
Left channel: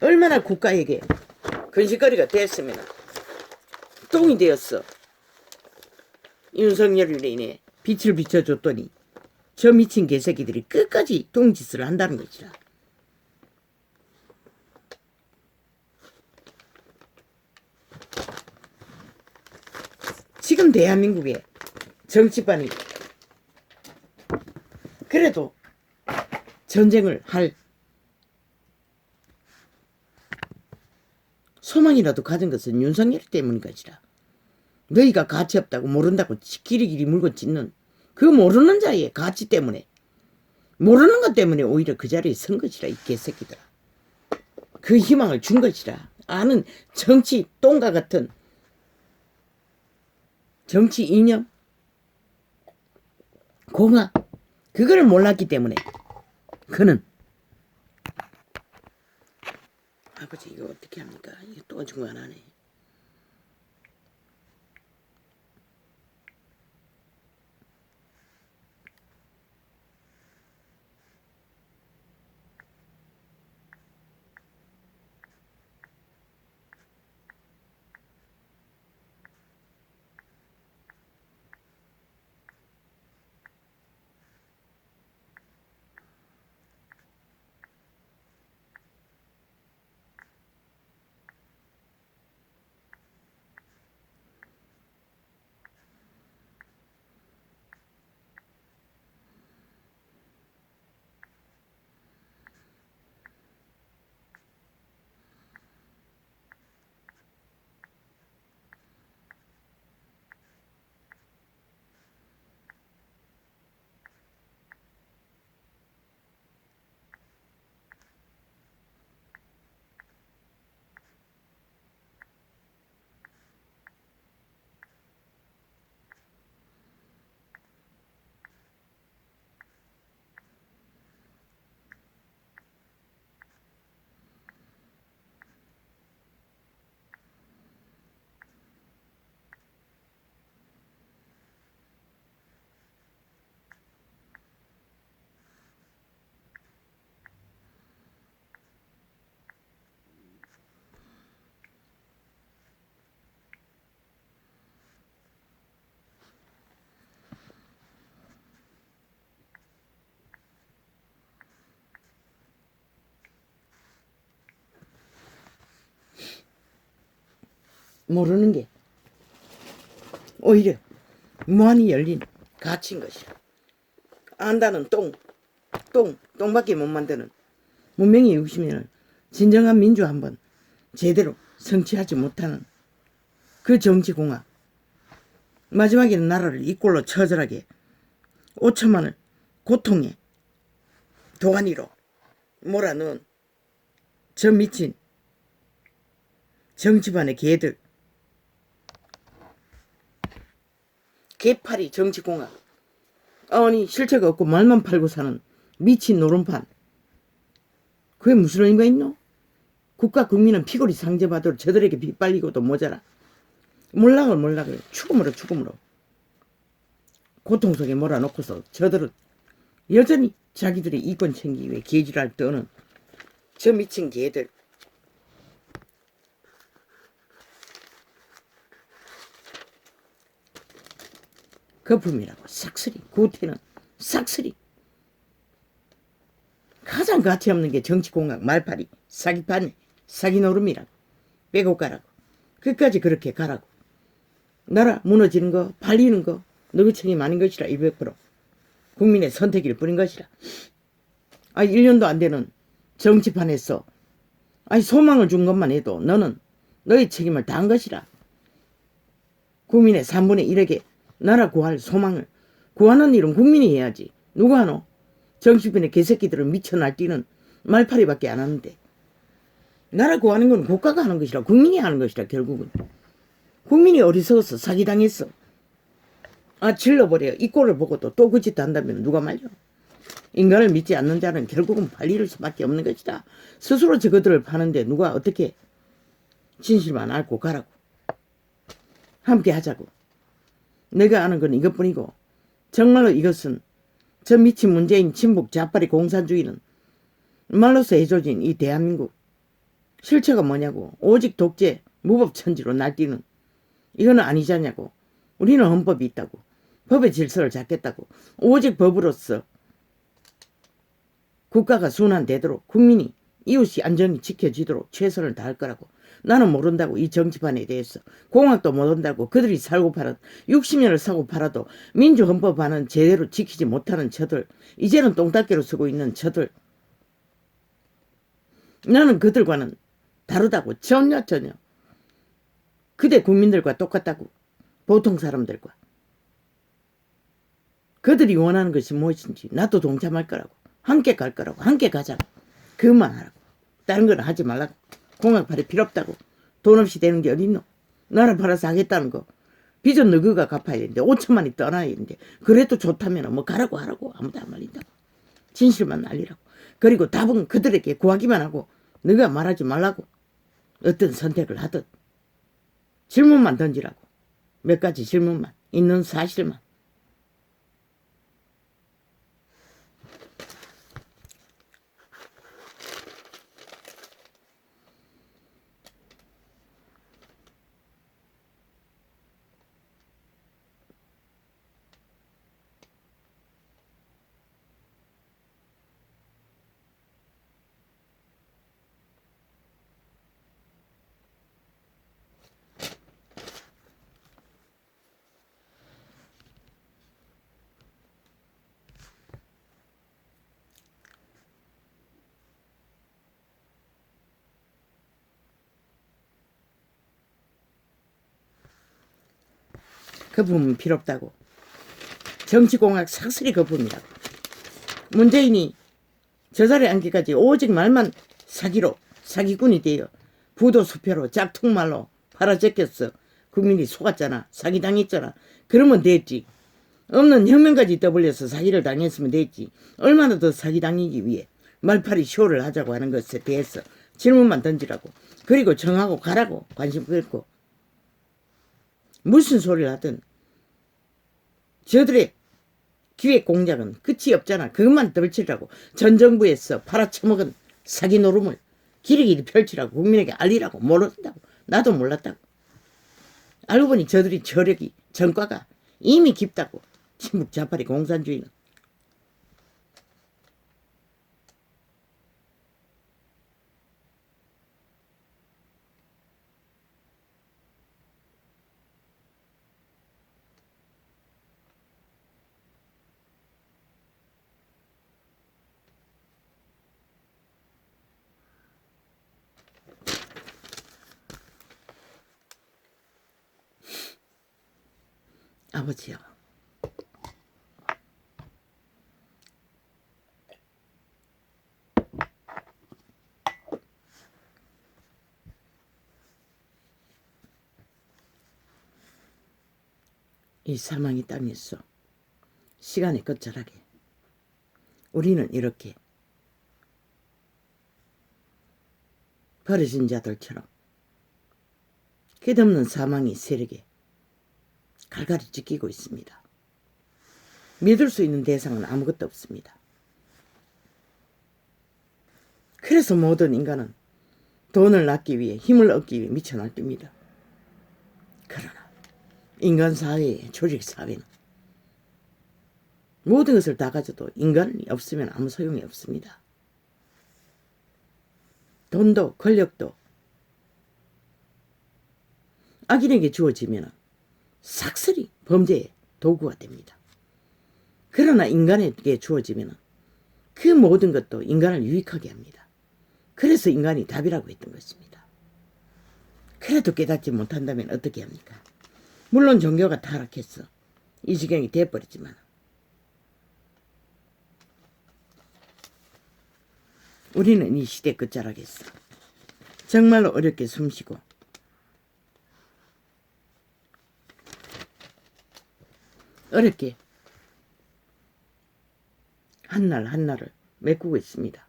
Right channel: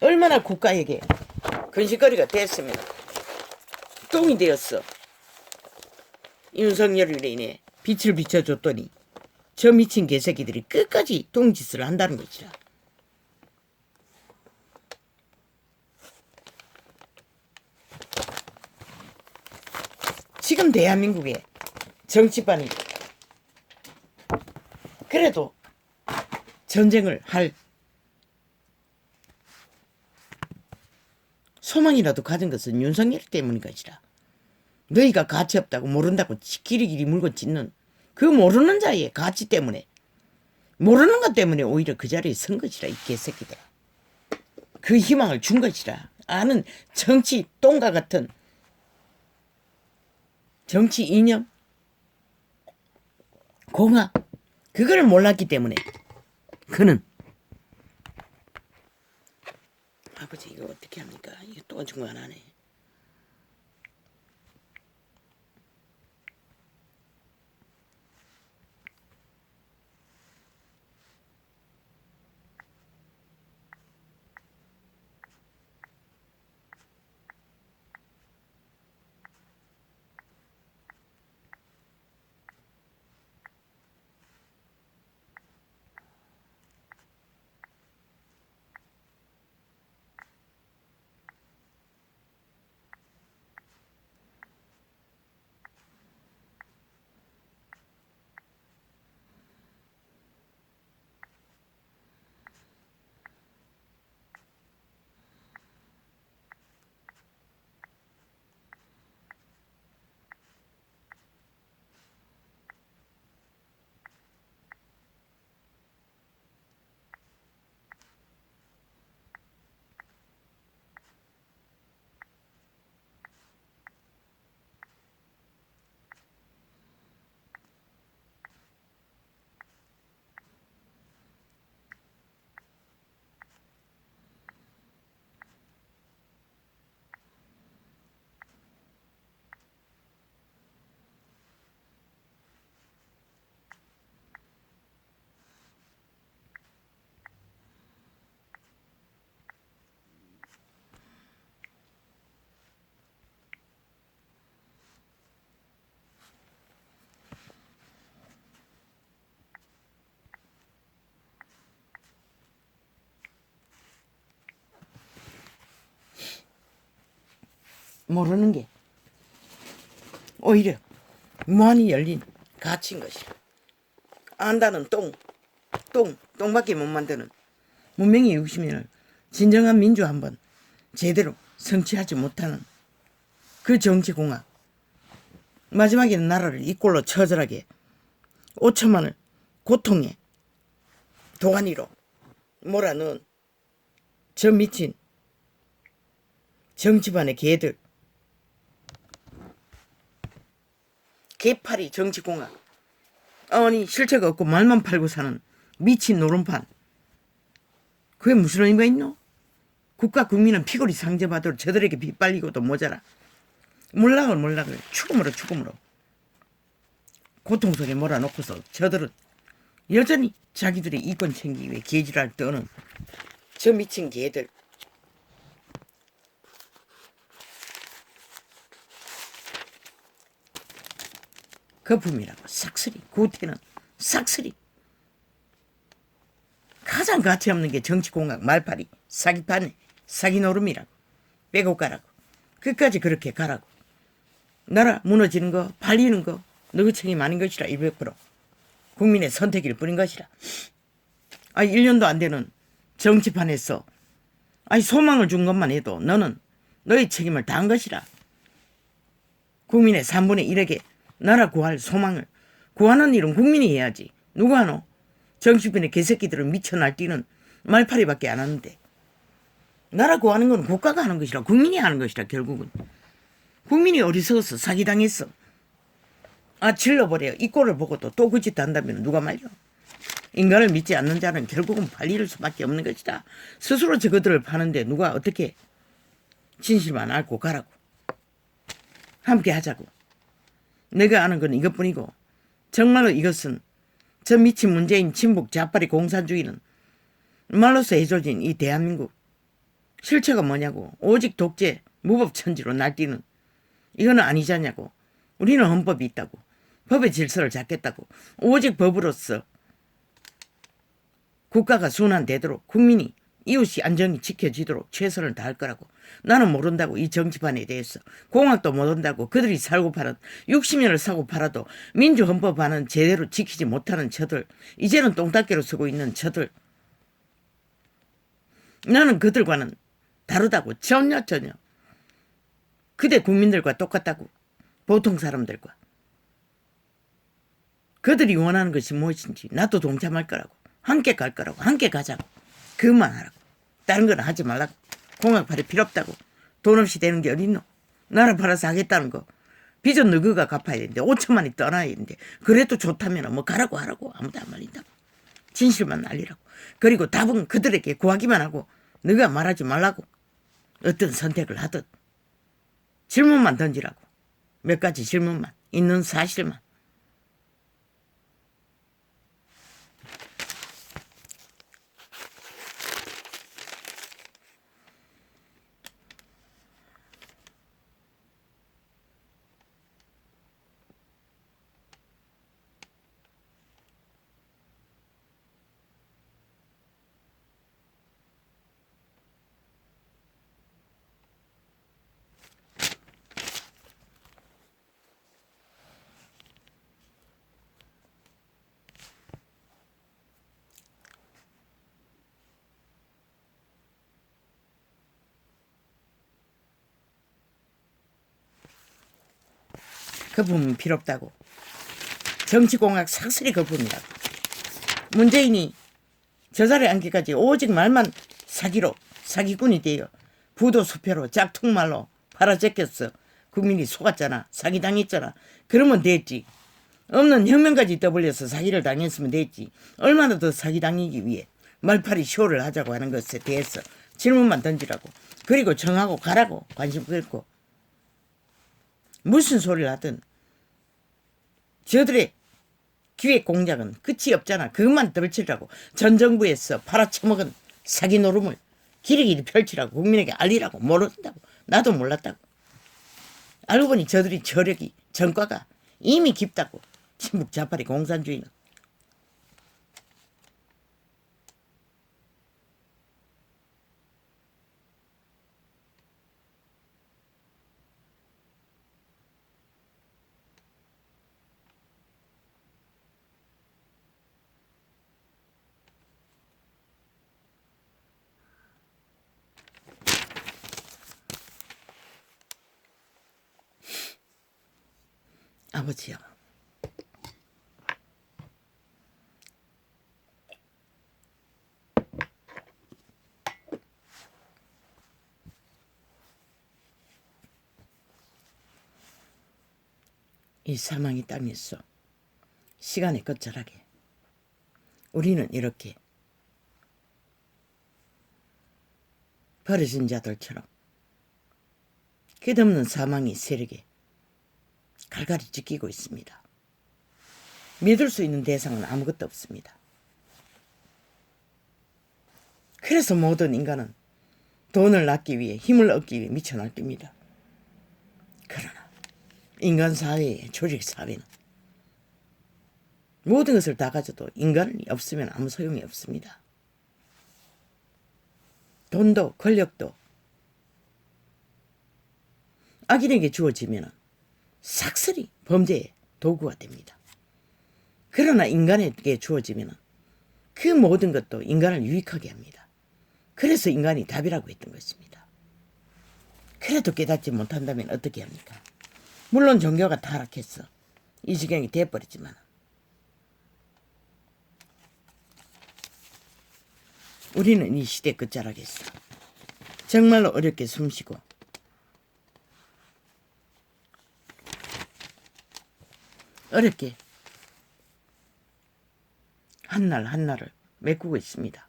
얼마나 국가에게 근심거리가 됐으면 똥이 되었어. 윤석열을 인해 빛을 비춰줬더니 저 미친 개새끼들이 끝까지 똥짓을 한다는 것이라. 지금 대한민국의 정치판이 그래도 전쟁을 할 소망이라도 가진 것은 윤석열 때문인 것이라. 너희가 가치 없다고 모른다고 길이길이 물고 찢는 그 모르는 자의 가치 때문에 모르는 것 때문에 오히려 그 자리에 선 것이라. 이 개새끼들아. 그 희망을 준 것이라. 아는 정치 똥과 같은 정치 이념 공학 그거를 몰랐기 때문에 그는 아버지 이거 어떻게 합니까? 이거 또 중고 안 하네. 모르는 게 오히려 무한히 열린 가치인 것이라. 안다는 똥밖에 못 만드는 문명의 욕심에는 진정한 민주 한번 제대로 성취하지 못하는 그 정치공학, 마지막에는 나라를 이 꼴로 처절하게 5천만을 고통의 도가니로 몰아넣은 저 미친 정치반의 개들, 개파리 정치공학, 아니 실체가 없고 말만 팔고 사는 미친 노름판, 그게 무슨 의미가 있노? 국가 국민은 피골이 상대받도록 저들에게 빗발리고도 모자라 몰락을 죽음으로 고통 속에 몰아놓고서 저들은 여전히 자기들의 이권 챙기기 위해 개지랄 떠는 저 미친 개들. 거품이라고 싹쓸이, 구태는 싹쓸이. 가장 가치없는 게 정치공학 말팔이 사기판에 사기노름이라고. 빼고 가라고. 끝까지 그렇게 가라고. 나라 무너지는 거 팔리는 거 너희 책임 아닌 것이라 100% 국민의 선택일 뿐인 것이라. 1년도 안 되는 정치판에서 소망을 준 것만 해도 너는 너의 책임을 다한 것이라. 국민의 3분의 1에게 나라 구할 소망을 구하는 일은 국민이 해야지. 누가 하노? 정치판의 개새끼들은 미쳐 날뛰는 말파리밖에 안 하는데. 나라 구하는 건 국가가 하는 것이라, 국민이 하는 것이라. 결국은 국민이 어리석어서 사기당했어. 질러버려. 이 꼴을 보고 또 그 짓 한다면 누가 말려. 인간을 믿지 않는 자는 결국은 팔릴 수밖에 없는 것이다. 스스로 저것들을 파는데 누가 어떻게 진실만 앓고 가라고. 함께 하자고. 내가 아는 건 이것뿐이고, 정말로 이것은 저 미친 문재인 친북 좌파리 공산주의는 말로서 해줘진 이 대한민국 실체가 뭐냐고. 오직 독재 무법천지로 날뛰는 이거는 아니잖냐고. 우리는 헌법이 있다고. 법의 질서를 잡겠다고. 오직 법으로서 국가가 순환되도록 국민이 이웃이 안전이 지켜지도록 최선을 다할 거라고. 나는 모른다고. 이 정치판에 대해서 공학도 모른다고. 그들이 살고 팔아 60년을 사고 팔아도 민주헌법안은 제대로 지키지 못하는 저들, 이제는 똥닦개로 쓰고 있는 저들, 나는 그들과는 다르다고. 전혀 그대 국민들과 똑같다고. 보통 사람들과. 그들이 원하는 것이 무엇인지 나도 동참할 거라고. 함께 갈 거라고. 함께 가자고. 그것만 하라고. 다른 건 하지 말라고. 공학팔이 필요 없다고. 돈 없이 되는 게 어딨노. 나라 팔아서 하겠다는 거. 빚은 너그가 갚아야 되는데 5천만이 떠나야 되는데 그래도 좋다면 뭐 가라고 하라고. 아무도 안 말린다고. 진실만 알리라고. 그리고 답은 그들에게 구하기만 하고 너가 말하지 말라고. 어떤 선택을 하든 질문만 던지라고. 몇 가지 질문만. 있는 사실만. 거품이 필요 없다고. 정치공학 싹쓸이 거품이라고. 문재인이 저 자리에 앉기까지 오직 말만 사기로 사기꾼이 되어 부도수표로 짝퉁말로 팔아제꼈어. 국민이 속았잖아. 사기당했잖아. 그러면 됐지. 없는 혁명까지 떠벌려서 사기를 당했으면 됐지. 얼마나 더 사기당하기 위해 말팔이 쇼를 하자고 하는 것에 대해서 질문만 던지라고. 그리고 정하고 가라고. 관심 끊고. 무슨 소리를 하든 저들의 기획 공작은 끝이 없잖아. 그것만 떨치라고. 전 정부에서 팔아쳐먹은 사기 노름을 길이길이 펼치라고. 국민에게 알리라고. 모른다고. 나도 몰랐다고. 알고 보니 저들이 저력이 전과가 이미 깊다고. 친북 좌파리 공산주의는. 아버지요, 이 사망의 땅에서 시간의 끝자락에 우리는 이렇게 버려진 자들처럼 끝없는 사망의 세력에 갈갈이 찢기고 있습니다. 믿을 수 있는 대상은 아무것도 없습니다. 그래서 모든 인간은 돈을 낳기 위해, 힘을 얻기 위해 미쳐 날뜁니다. 그러나 인간 사회의 조직 사회는 모든 것을 다 가져도 인간이 없으면 아무 소용이 없습니다. 돈도 권력도 악인에게 주어지면 삭슬이 범죄의 도구가 됩니다. 그러나 인간에게 주어지면 그 모든 것도 인간을 유익하게 합니다. 그래서 인간이 답이라고 했던 것입니다. 그래도 깨닫지 못한다면 어떻게 합니까? 물론 종교가 타락해서 이 지경이 되어버렸지만 우리는 이 시대 끝자락에서 정말로 어렵게 숨쉬고 어렵게 한날 한날을 메꾸고 있습니다.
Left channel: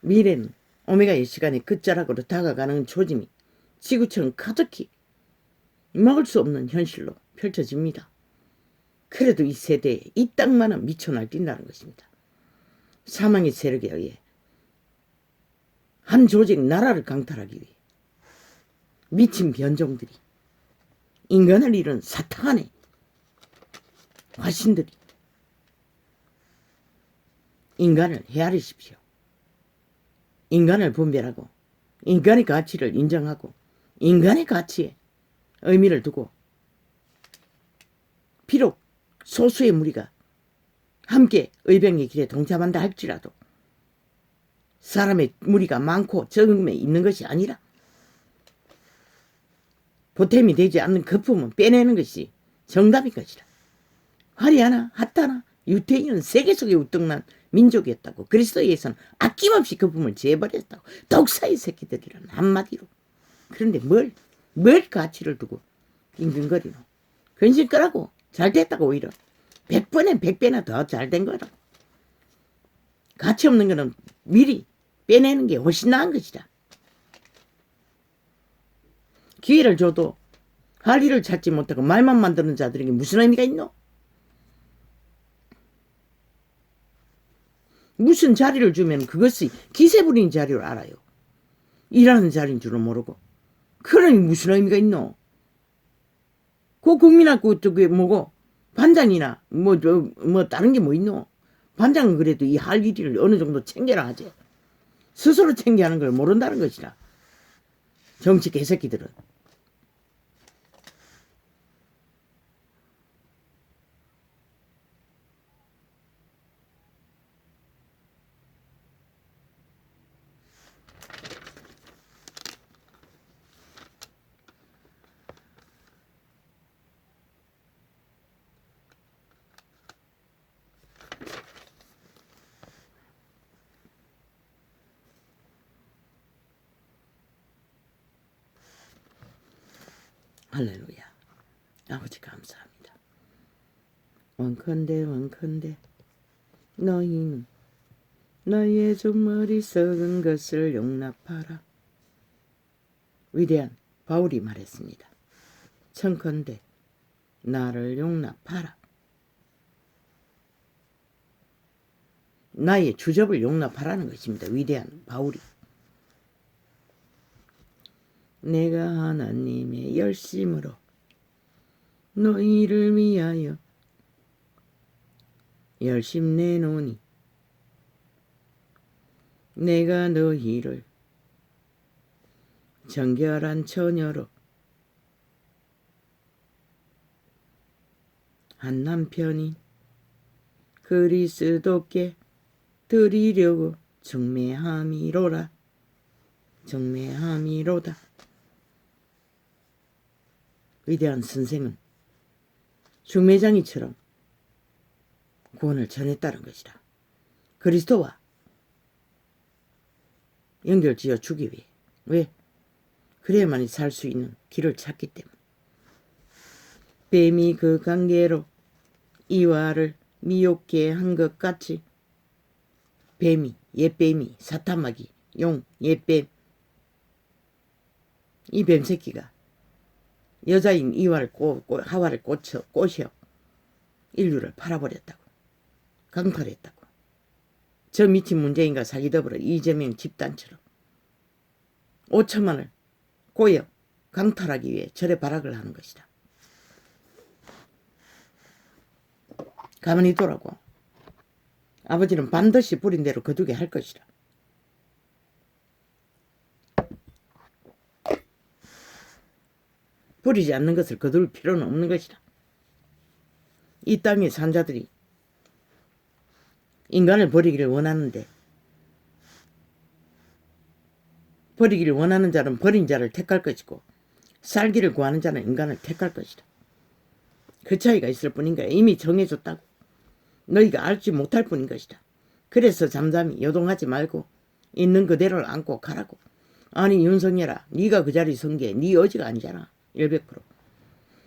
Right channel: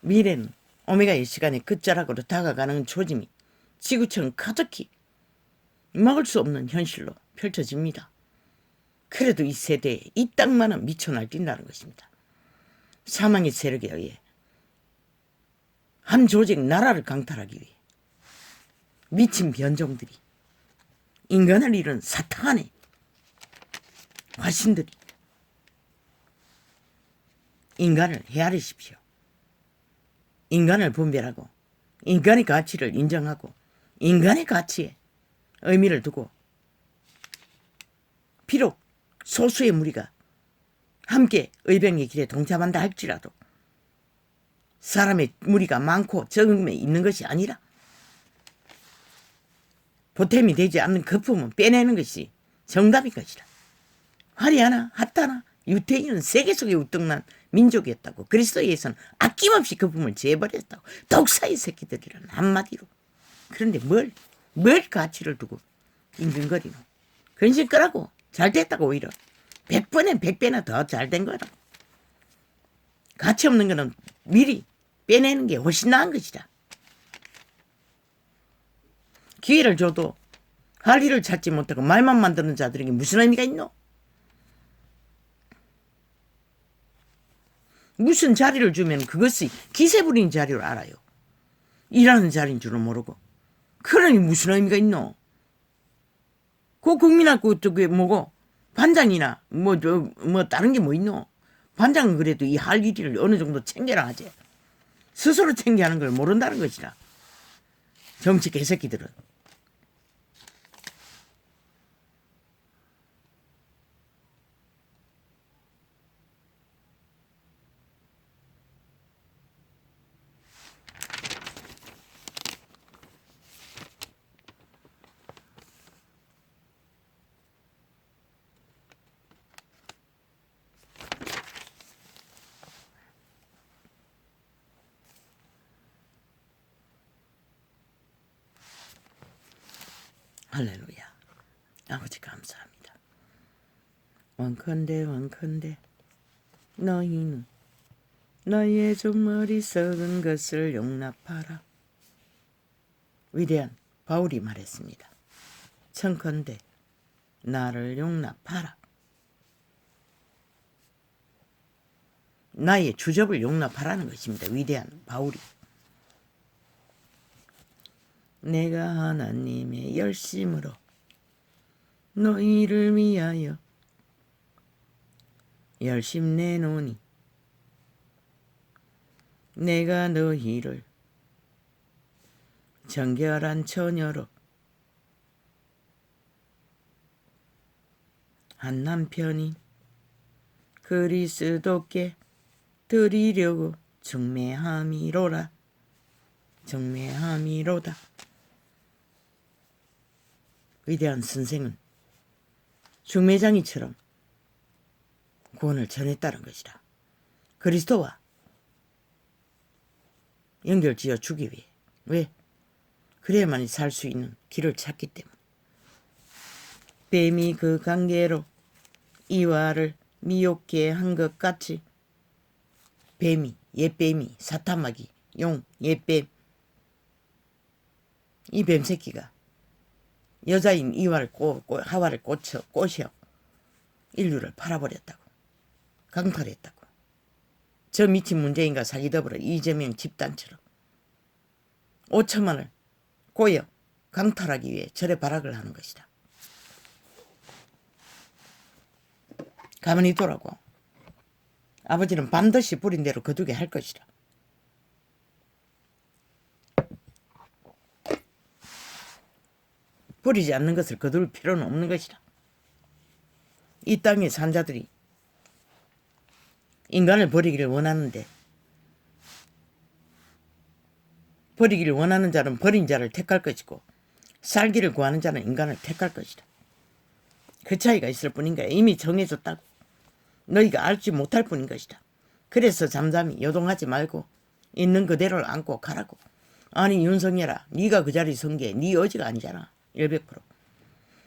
미래는 오메가의 시간의 끝자락으로 다가가는 조짐이 지구처럼 가득히 막을 수 없는 현실로 펼쳐집니다. 그래도 이 세대에 이 땅만은 미쳐 날뛴다는 것입니다. 사망의 세력에 의해 한 조직 나라를 강탈하기 위해 미친 변종들이, 인간을 잃은 사탄의 화신들이 인간을 헤아리십시오. 인간을 분별하고 인간의 가치를 인정하고 인간의 가치에 의미를 두고 비록 소수의 무리가 함께 의병의 길에 동참한다 할지라도 사람의 무리가 많고 적음에 있는 것이 아니라 보탬이 되지 않는 거품은 빼내는 것이 정답인 것이라. 화려하나 핫하나 유태인은 세계 속에 우뚝난 민족이었다고. 그리스도에서는 아낌없이 거품을 재버렸다고. 독사의 새끼들이란 한마디로. 그런데 뭘 가치를 두고 낑낑거리노. 근심 끄라고. 잘 됐다고. 오히려 100번에 100배나 더 잘 된 거라. 가치 없는 거는 미리 빼내는 게 훨씬 나은 것이다. 기회를 줘도 할 일을 찾지 못하고 말만 만드는 자들에게 무슨 의미가 있노? 무슨 자리를 주면 그것이 기세 부리는 자리를 알아요. 일하는 자리인 줄은 모르고. 그러니 무슨 의미가 있노? 그 국민학교 그게 뭐고 반장이나 뭐 다른 게 뭐 있노? 반장은 그래도 이 할 일을 어느 정도 챙겨라 하지. 스스로 챙겨하는 걸 모른다는 것이라. 정치 개새끼들은. 할렐루야. 아버지 감사합니다. 원컨대 너희는 너희의 좀 어리석은 것을 용납하라. 위대한 바울이 말했습니다. 청컨대 나를 용납하라. 나의 주접을 용납하라는 것입니다. 위대한 바울이. 내가 하나님의 열심으로 너희를 위하여 열심 내노니 내가 너희를 정결한 처녀로 한 남편이 그리스도께 드리려고 정매함이로다. 위대한 선생은 흉매장이처럼 구원을 전했다는 것이라. 그리스도와 연결지어 주기 위해. 왜? 그래야만이 살 수 있는 길을 찾기 때문에. 뱀이 그 관계로 이와를 미혹게 한 것 같이 뱀이, 옛뱀이, 사타마귀, 용, 옛뱀, 이 뱀새끼가 여자인 이와를 하와를 꼬셔 인류를 팔아버렸다고. 강탈했다고. 저 미친 문재인과 사기더불어 이재명 집단처럼 5천만을 꼬여 강탈하기 위해 절에 발악을 하는 것이다. 가만히 두라고. 아버지는 반드시 부린 대로 거두게 할 것이다. 부리지 않는 것을 거둘 필요는 없는 것이다. 이 땅의 산자들이 인간을 버리기를 원하는데 버리기를 원하는 자는 버린 자를 택할 것이고 살기를 구하는 자는 인간을 택할 것이다. 그 차이가 있을 뿐인가. 이미 정해졌다고. 너희가 알지 못할 뿐인 것이다. 그래서 잠잠히 요동하지 말고 있는 그대로를 안고 가라고. 아니 윤석열아, 네가 그 자리 선 게 네 어지가 아니잖아. 100%.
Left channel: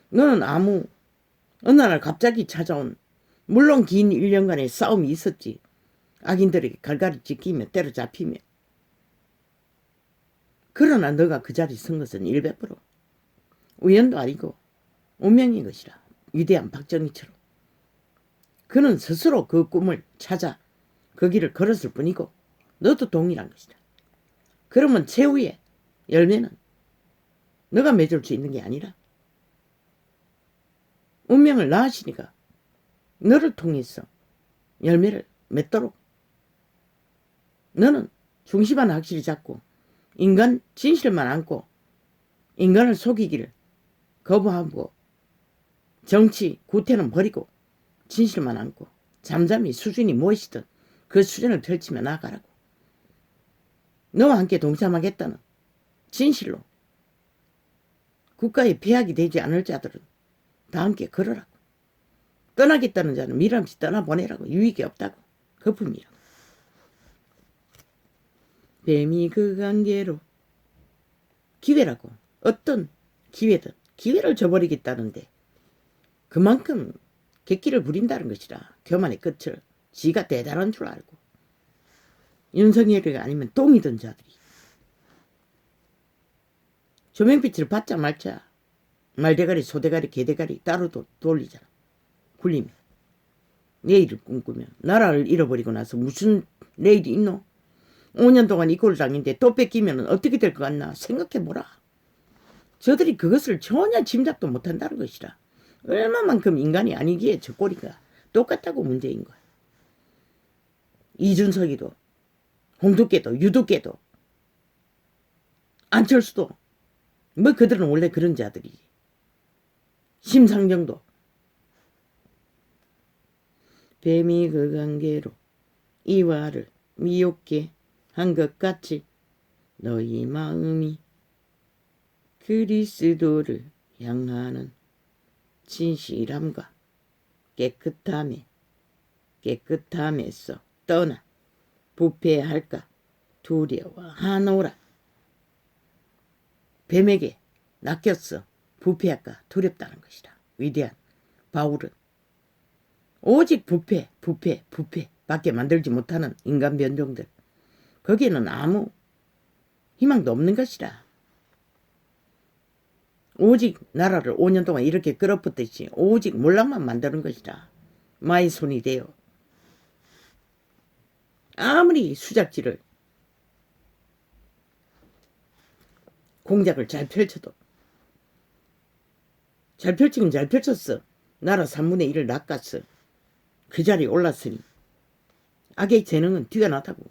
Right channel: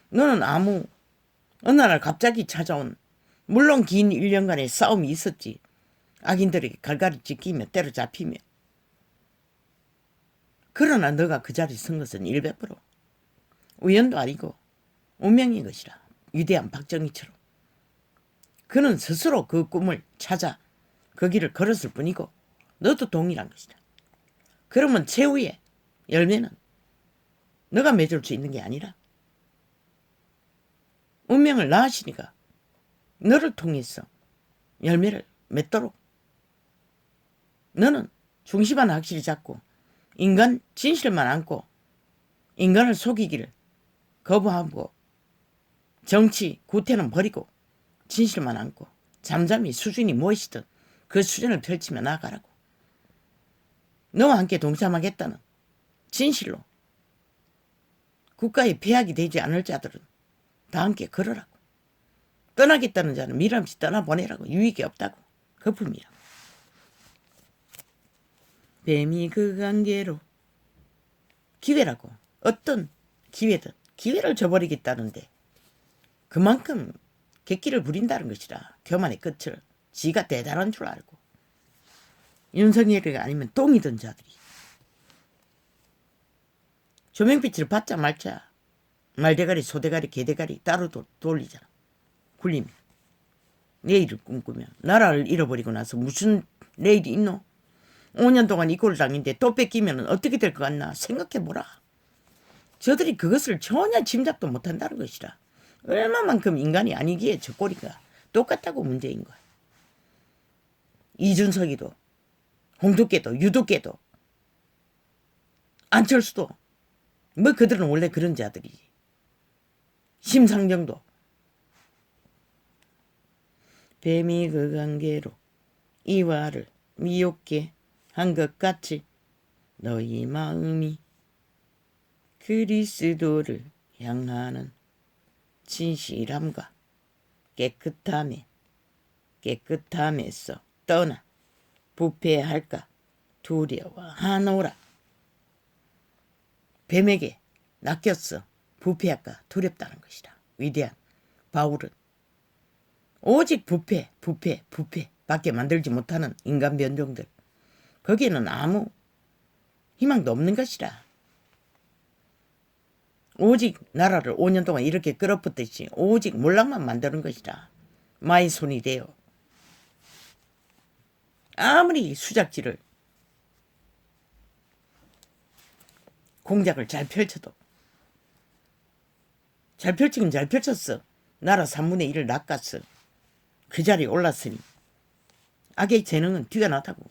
너는 어느 날 갑자기 찾아온, 물론 긴 1년간의 싸움이 있었지. 악인들에게 갈갈이 찢기며 때려잡히며. 그러나 너가 그 자리 선 것은 100% 우연도 아니고 운명인 것이라. 위대한 박정희처럼. 그는 스스로 그 꿈을 찾아 그 길을 걸었을 뿐이고 너도 동일한 것이다. 그러면 최후의 열매는 너가 맺을 수 있는 게 아니라 운명을 낳으시니까 너를 통해서 열매를 맺도록 너는 중심 하나 확실히 잡고 인간 진실만 안고 인간을 속이기를 거부하고 정치 구태는 버리고 진실만 안고 잠잠히 수준이 무엇이든 그 수준을 펼치며 나아가라고. 너와 함께 동참하겠다는 진실로 국가에 폐악이 되지 않을 자들은 다 함께 걸으라고. 떠나겠다는 자는 미련없이 떠나보내라고. 유익이 없다고. 거품이라고. 뱀이 그 관계로 기회라고. 어떤 기회든 기회를 저버리겠다는데 그만큼 객기를 부린다는 것이라. 교만의 끝을 지가 대단한 줄 알고 윤석열이 아니면 똥이던 자들이 조명빛을 받자 말자 말대가리 소대가리 개대가리 따로 돌리잖아. 굴리면 내일을 꿈꾸며 나라를 잃어버리고 나서 무슨 내일이 있노? 5년 동안 이 꼴을 당했는데 또 뺏기면 어떻게 될 것 같나 생각해보라. 저들이 그것을 전혀 짐작도 못한다는 것이라. 얼마만큼 인간이 아니기에 저 꼴이가 똑같다고 문제인 거야. 이준석이도 홍두깨도 유두깨도 안철수도 뭐 그들은 원래 그런 자들이지. 심상정도. 뱀이 그 관계로 이와를 미혹게 한 것 같이 너희 마음이 그리스도를 향하는 진실함과 깨끗함에서 떠나 부패할까 두려워하노라. 뱀에게 낚였어. 부패할까 두렵다는 것이다. 위대한 바울은 오직 부패 밖에 만들지 못하는 인간 변종들, 거기에는 아무 희망도 없는 것이라. 오직 나라를 5년 동안 이렇게 끌어붙듯이 오직 몰락만 만드는 것이라. 마의 손이 되어 아무리 수작질을 공작을 잘 펼쳐도 잘 펼치긴 잘 펼쳤어. 나라 3분의 1을 낚았어. 그 자리에 올랐으니 악의 재능은 뛰어나다고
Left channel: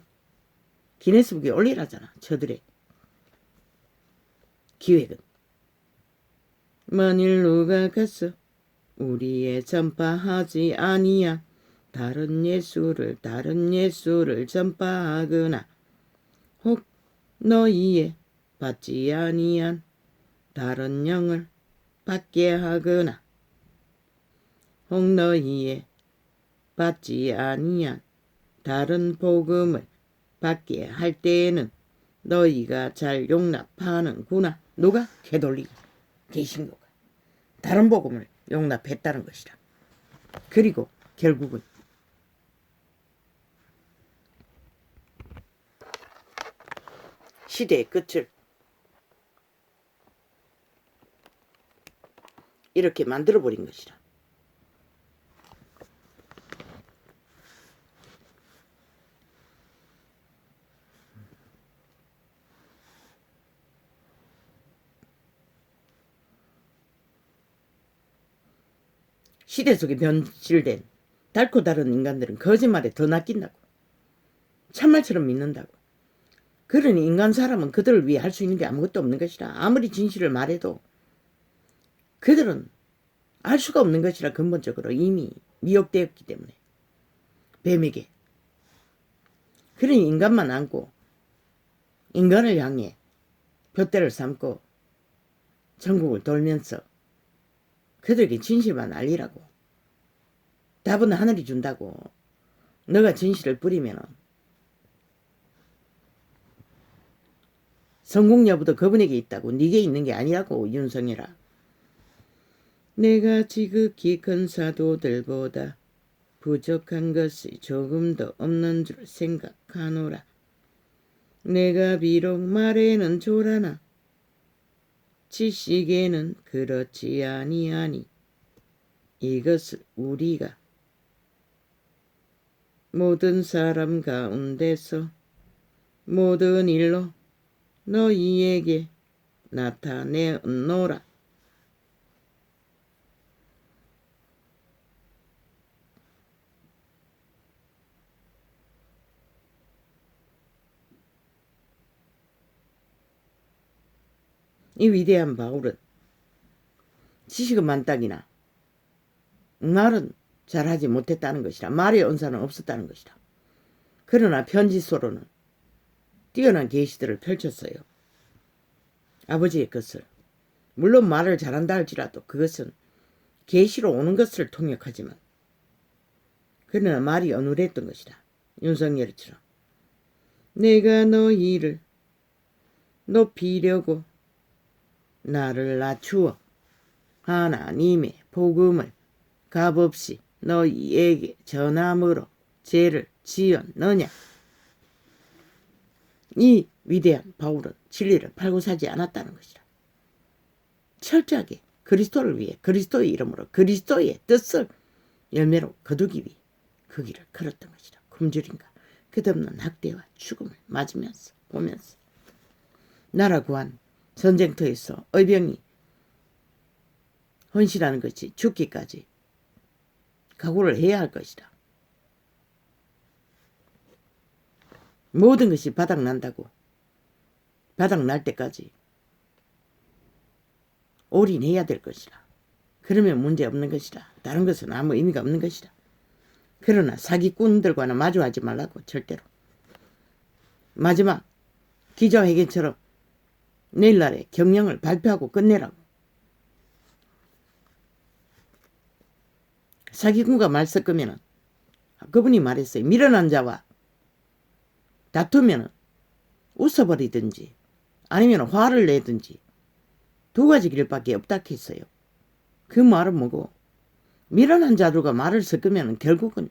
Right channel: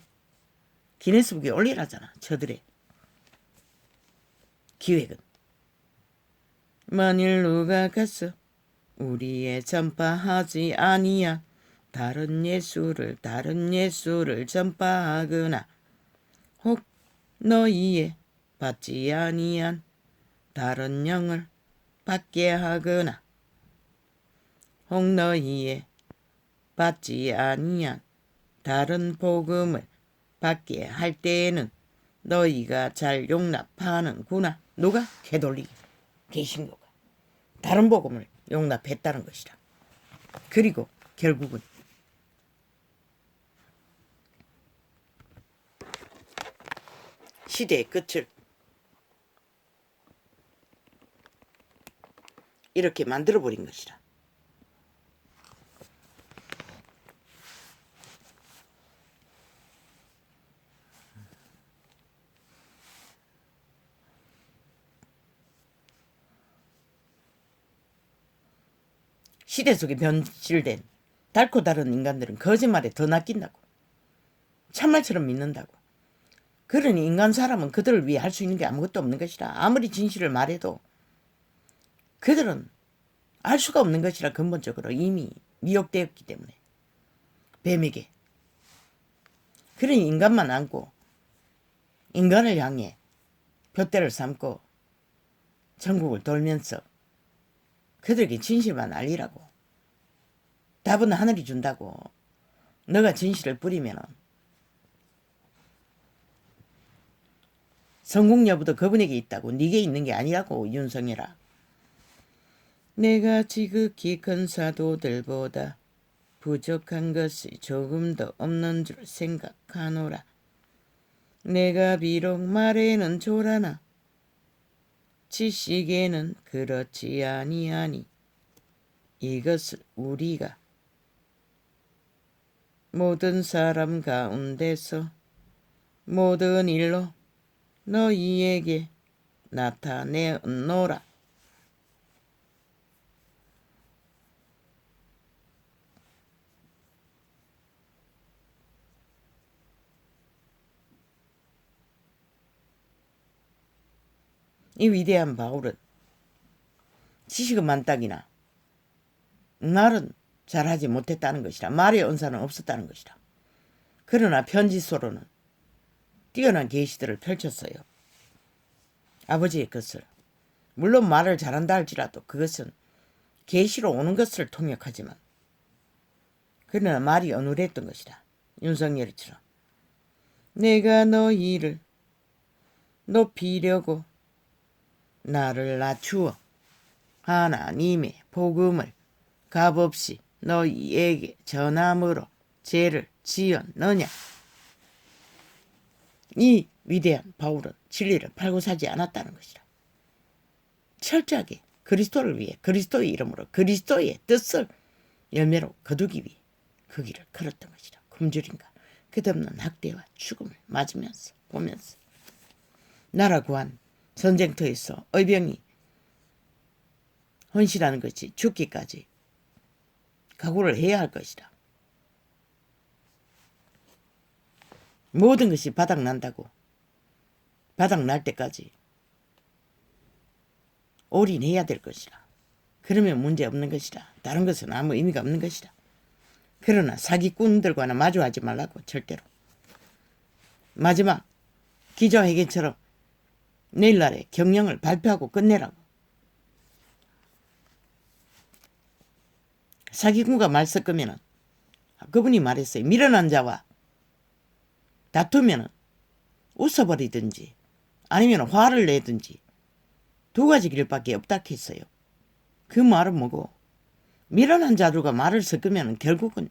기네스북에 올리라잖아. 저들의 기획은. 만일 누가 가서 우리의 전파하지 아니야 다른 예수를 전파하거나 혹 너희의 받지 아니한 다른 영을 받게 하거나 혹 너희의 받지 아니한 다른 복음을 받게 할 때에는 너희가 잘 용납하는구나. 누가? 캐톨릭 개신교가 다른 복음을 용납했다는 것이라. 그리고 결국은 시대의 끝을 이렇게 만들어버린 것이라. 시대 속에 변질된 달고 다른 인간들은 거짓말에 더 낚인다고. 참말처럼 믿는다고. 그러니 인간 사람은 그들을 위해 할 수 있는 게 아무것도 없는 것이라. 아무리 진실을 말해도 그들은 알 수가 없는 것이라. 근본적으로 이미 미혹되었기 때문에 뱀에게. 그러니 인간만 안고 인간을 향해 둯대를 삼고 전국을 돌면서 그들에게 진실만 알리라고. 답은 하늘이 준다고. 너가 진실을 뿌리면 성공 여부도 그분에게 있다고. 네게 있는 게 아니라고. 윤석열아. 내가 지극히 큰 사도들보다 부족한 것이 조금도 없는 줄 생각하노라. 내가 비록 말에는 조라나 지식에는 그렇지 아니하니 이것을 우리가 모든 사람 가운데서 모든 일로 너희에게 나타내노라. 이 위대한 바울은 지식은 만땅이나 말은 잘하지 못했다는 것이라. 말의 은사는 없었다는 것이라. 그러나 편지서로는 뛰어난 계시들을 펼쳤어요. 아버지의 것을. 물론 말을 잘한다 할지라도 그것은 계시로 오는 것을 통역하지만 그러나 말이 어눌했던 것이다. 윤석열처럼. 내가 너희를 높이려고 나를 낮추어 하나님의 복음을 값없이 너희에게 전함으로 죄를 지었느냐. 이 위대한 바울은 진리를 팔고 사지 않았다는 것이다. 철저하게 그리스도를 위해 그리스도의 이름으로 그리스도의 뜻을 열매로 거두기 위해 그 길을 걸었던 것이다. 굶주림과 끝없는 학대와 죽음을 맞으면서 보면서 나라 구한 전쟁터에서 의병이 헌신하는 것이 죽기까지 각오를 해야 할 것이다. 모든 것이 바닥난다고 바닥날 때까지 올인해야 될 것이다. 그러면 문제 없는 것이다. 다른 것은 아무 의미가 없는 것이다. 그러나 사기꾼들과는 마주하지 말라고. 절대로. 마지막 기자회견처럼 내일날에 경영을 발표하고 끝내라고. 사기꾼과 말 섞으면 그분이 말했어요. 미련한 자와 다투면 웃어버리든지 아니면 화를 내든지 두 가지 길밖에 없다 했어요. 그 말은 뭐고, 미련한 자들과 말을 섞으면 결국은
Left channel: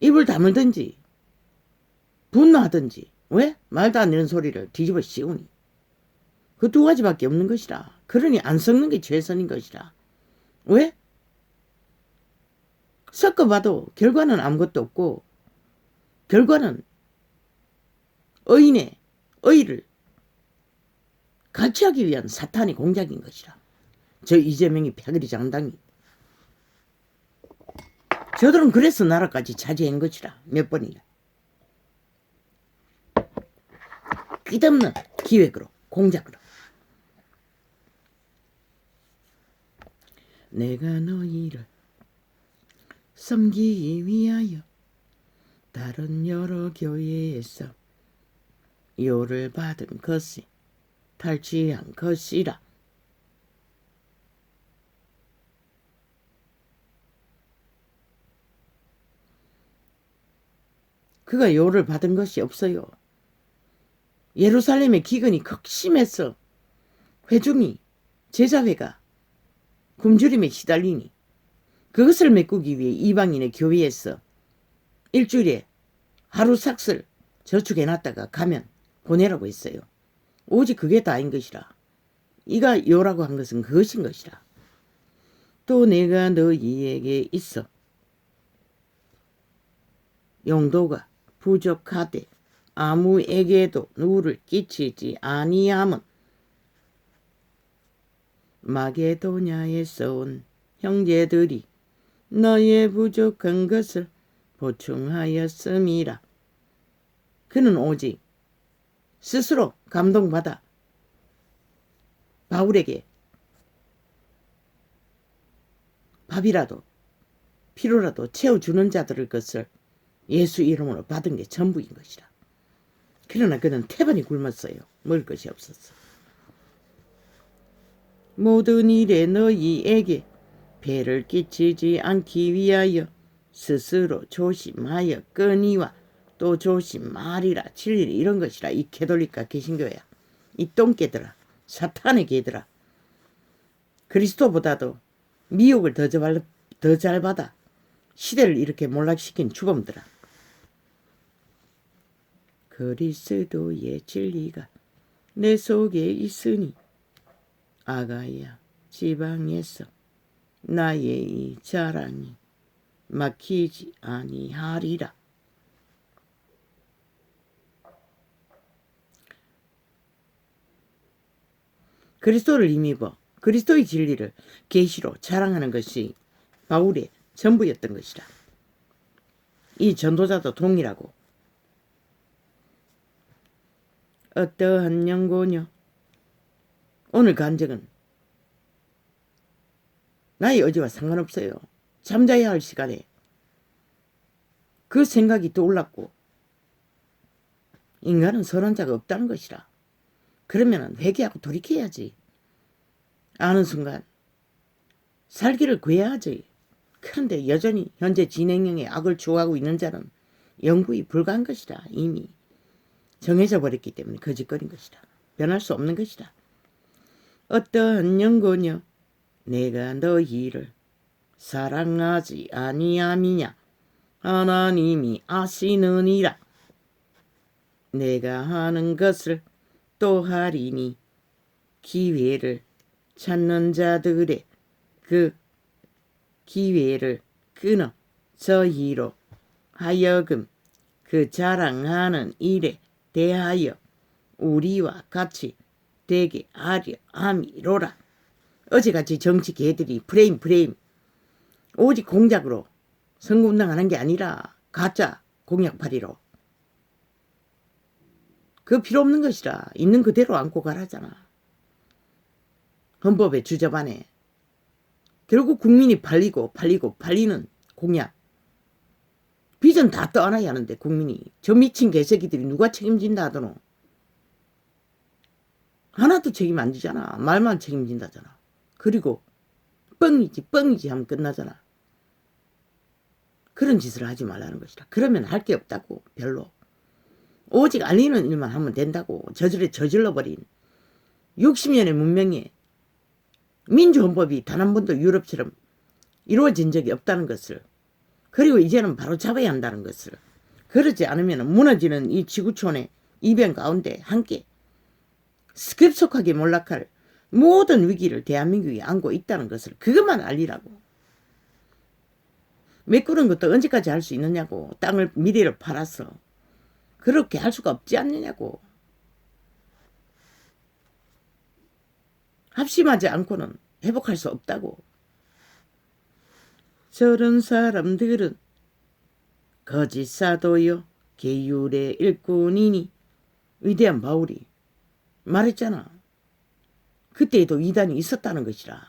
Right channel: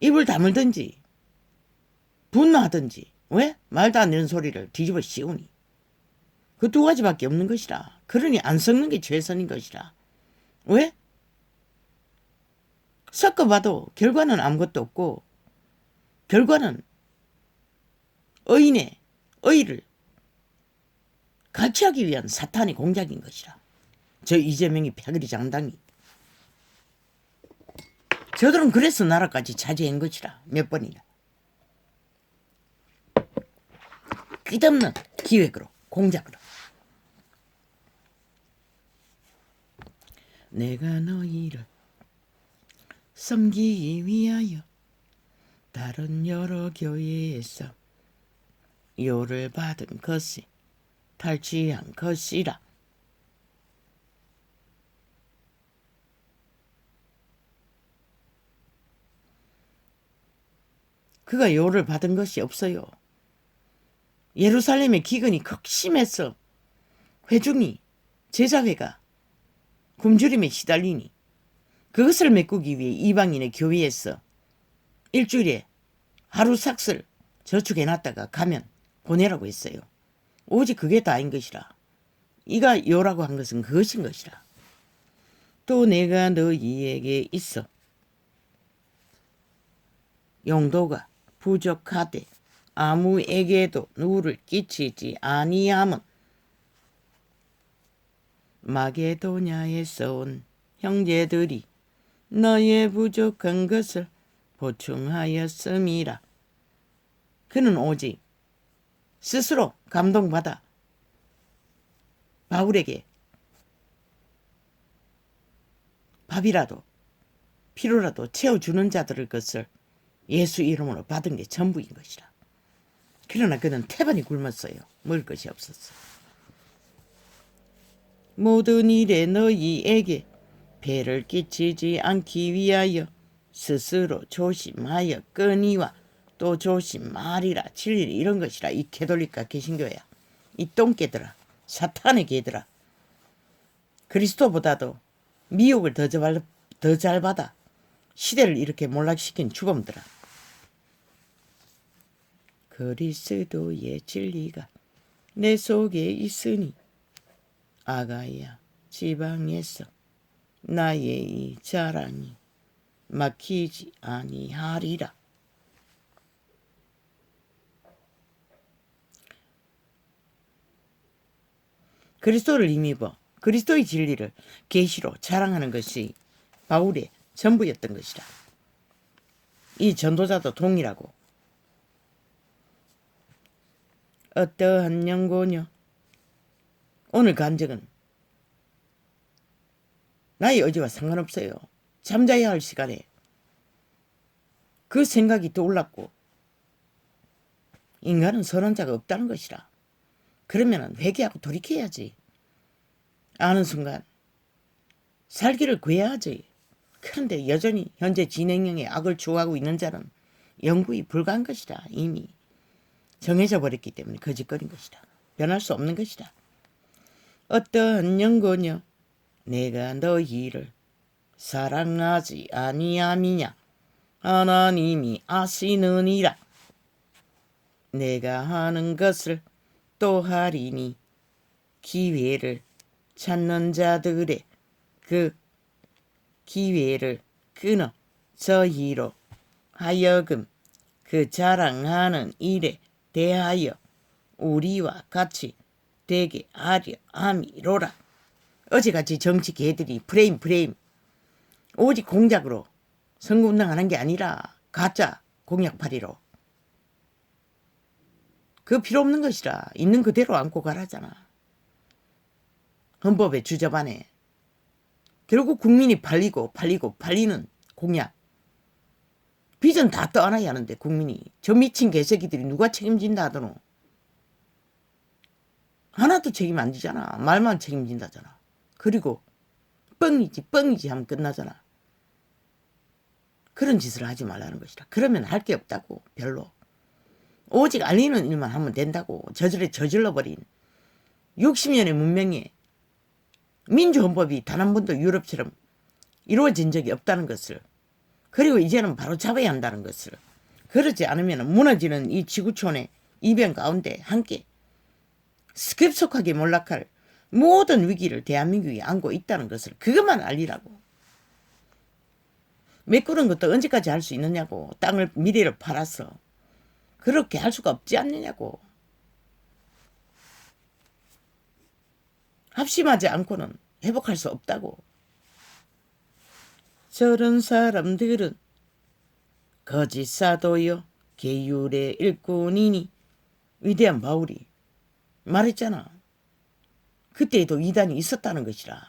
입을 다물든지 분노하든지. 왜? 말도 안 되는 소리를 뒤집어 씌우니. 그 두 가지밖에 없는 것이라. 그러니 안 섞는 게 최선인 것이라. 왜? 섞어봐도 결과는 아무것도 없고 결과는 의인의 의를 가치하기 위한 사탄의 공작인 것이라. 저 이재명이 패거리 장당이. 저들은 그래서 나라까지 차지한 것이라. 몇 번이나. 끝없는 기획으로 공작으로. 내가 너희를 섬기기 위하여 다른 여러 교회에서 요를 받은 것이 탈취한 것이라. 그가 요를 받은 것이 없어요. 예루살렘의 기근이 극심해서 회중이 제자회가 굶주림에 시달리니 그것을 메꾸기 위해 이방인의 교회에서 일주일에 하루 삭슬 저축해놨다가 가면 보내라고 했어요. 오직 그게 다인 것이라. 이가 요라고 한 것은 그것인 것이라. 또 내가 너희에게 있어 용도가 부족하되 아무에게도 누를 끼치지 아니함은 마게도냐에서 온 형제들이 너의 부족한 것을 보충하였음이라. 그는 오직 스스로 감동받아 바울에게 밥이라도 피로라도 채워주는 자들의 것을 예수 이름으로 받은 게 전부인 것이라. 그러나 그는 태반이 굶었어요. 먹을 것이 없었어. 모든 일에 너희에게 배를 끼치지 않기 위하여 스스로 조심하여 끄니와 또 조심하리라. 진리를 이런 것이라. 이 캐톨릭과 개신교야. 이 똥개들아. 사탄의 개들아. 그리스도보다도 미혹을 더 잘 받아 시대를 이렇게 몰락시킨 주범들아. 그리스도의 진리가 내 속에 있으니 아가야 지방에서 나의 이 자랑이 막히지 아니하리라. 그리스도를 힘입어 그리스도의 진리를 계시로 자랑하는 것이 바울의 전부였던 것이라. 이 전도자도 동일하고 어떠한 연고뇨. 오늘 간증은 나의 의지와 상관없어요. 잠자야 할 시간에 그 생각이 떠올랐고 인간은 선한 자가 없다는 것이라. 그러면 회개하고 돌이켜야지. 아는 순간 살기를 구해야지. 그런데 여전히 현재 진행형의 악을 추구하고 있는 자는 영구히 불가한 것이라. 이미 정해져 버렸기 때문에 거짓거린 것이라. 변할 수 없는 것이라. 어떠한 연고뇨. 내가 너희를 사랑하지 아니함이냐. 하나님이 아시느니라. 내가 하는 것을 또 하리니 기회를 찾는 자들의 그 기회를 끊어 저희로 하여금 그 자랑하는 일에 대하여 우리와 같이 되게 하려 함이로라. 어제같이 정치 개들이 프레임 오직 공작으로 선거운동하는 게 아니라 가짜 공약팔이로 그 필요 없는 것이라. 있는 그대로 안고 가라잖아. 헌법의 주저반에 결국 국민이 팔리는 공약 비전 다 떠안아야 하는데 국민이 저 미친 개새끼들이 누가 책임진다 하더노. 하나도 책임 안 지잖아. 말만 책임진다잖아. 그리고 뻥이지 하면 끝나잖아. 그런 짓을 하지 말라는 것이라. 그러면 할 게 없다고. 별로. 오직 알리는 일만 하면 된다고. 저질러버린 60년의 문명에 민주헌법이 단 한 번도 유럽처럼 이루어진 적이 없다는 것을, 그리고 이제는 바로 잡아야 한다는 것을, 그러지 않으면 무너지는 이 지구촌의 이변 가운데 함께 급속하게 몰락할 모든 위기를 대한민국이 안고 있다는 것을 그것만 알리라고. 메꾸는 것도 언제까지 할 수 있느냐고. 땅을 미래를 팔아서 그렇게 할 수가 없지 않느냐고. 합심하지 않고는 회복할 수 없다고. 저런 사람들은 거짓 사도요 계율의 일꾼이니. 위대한 바울이 말했잖아. 그때에도 이단이 있었다는 것이라.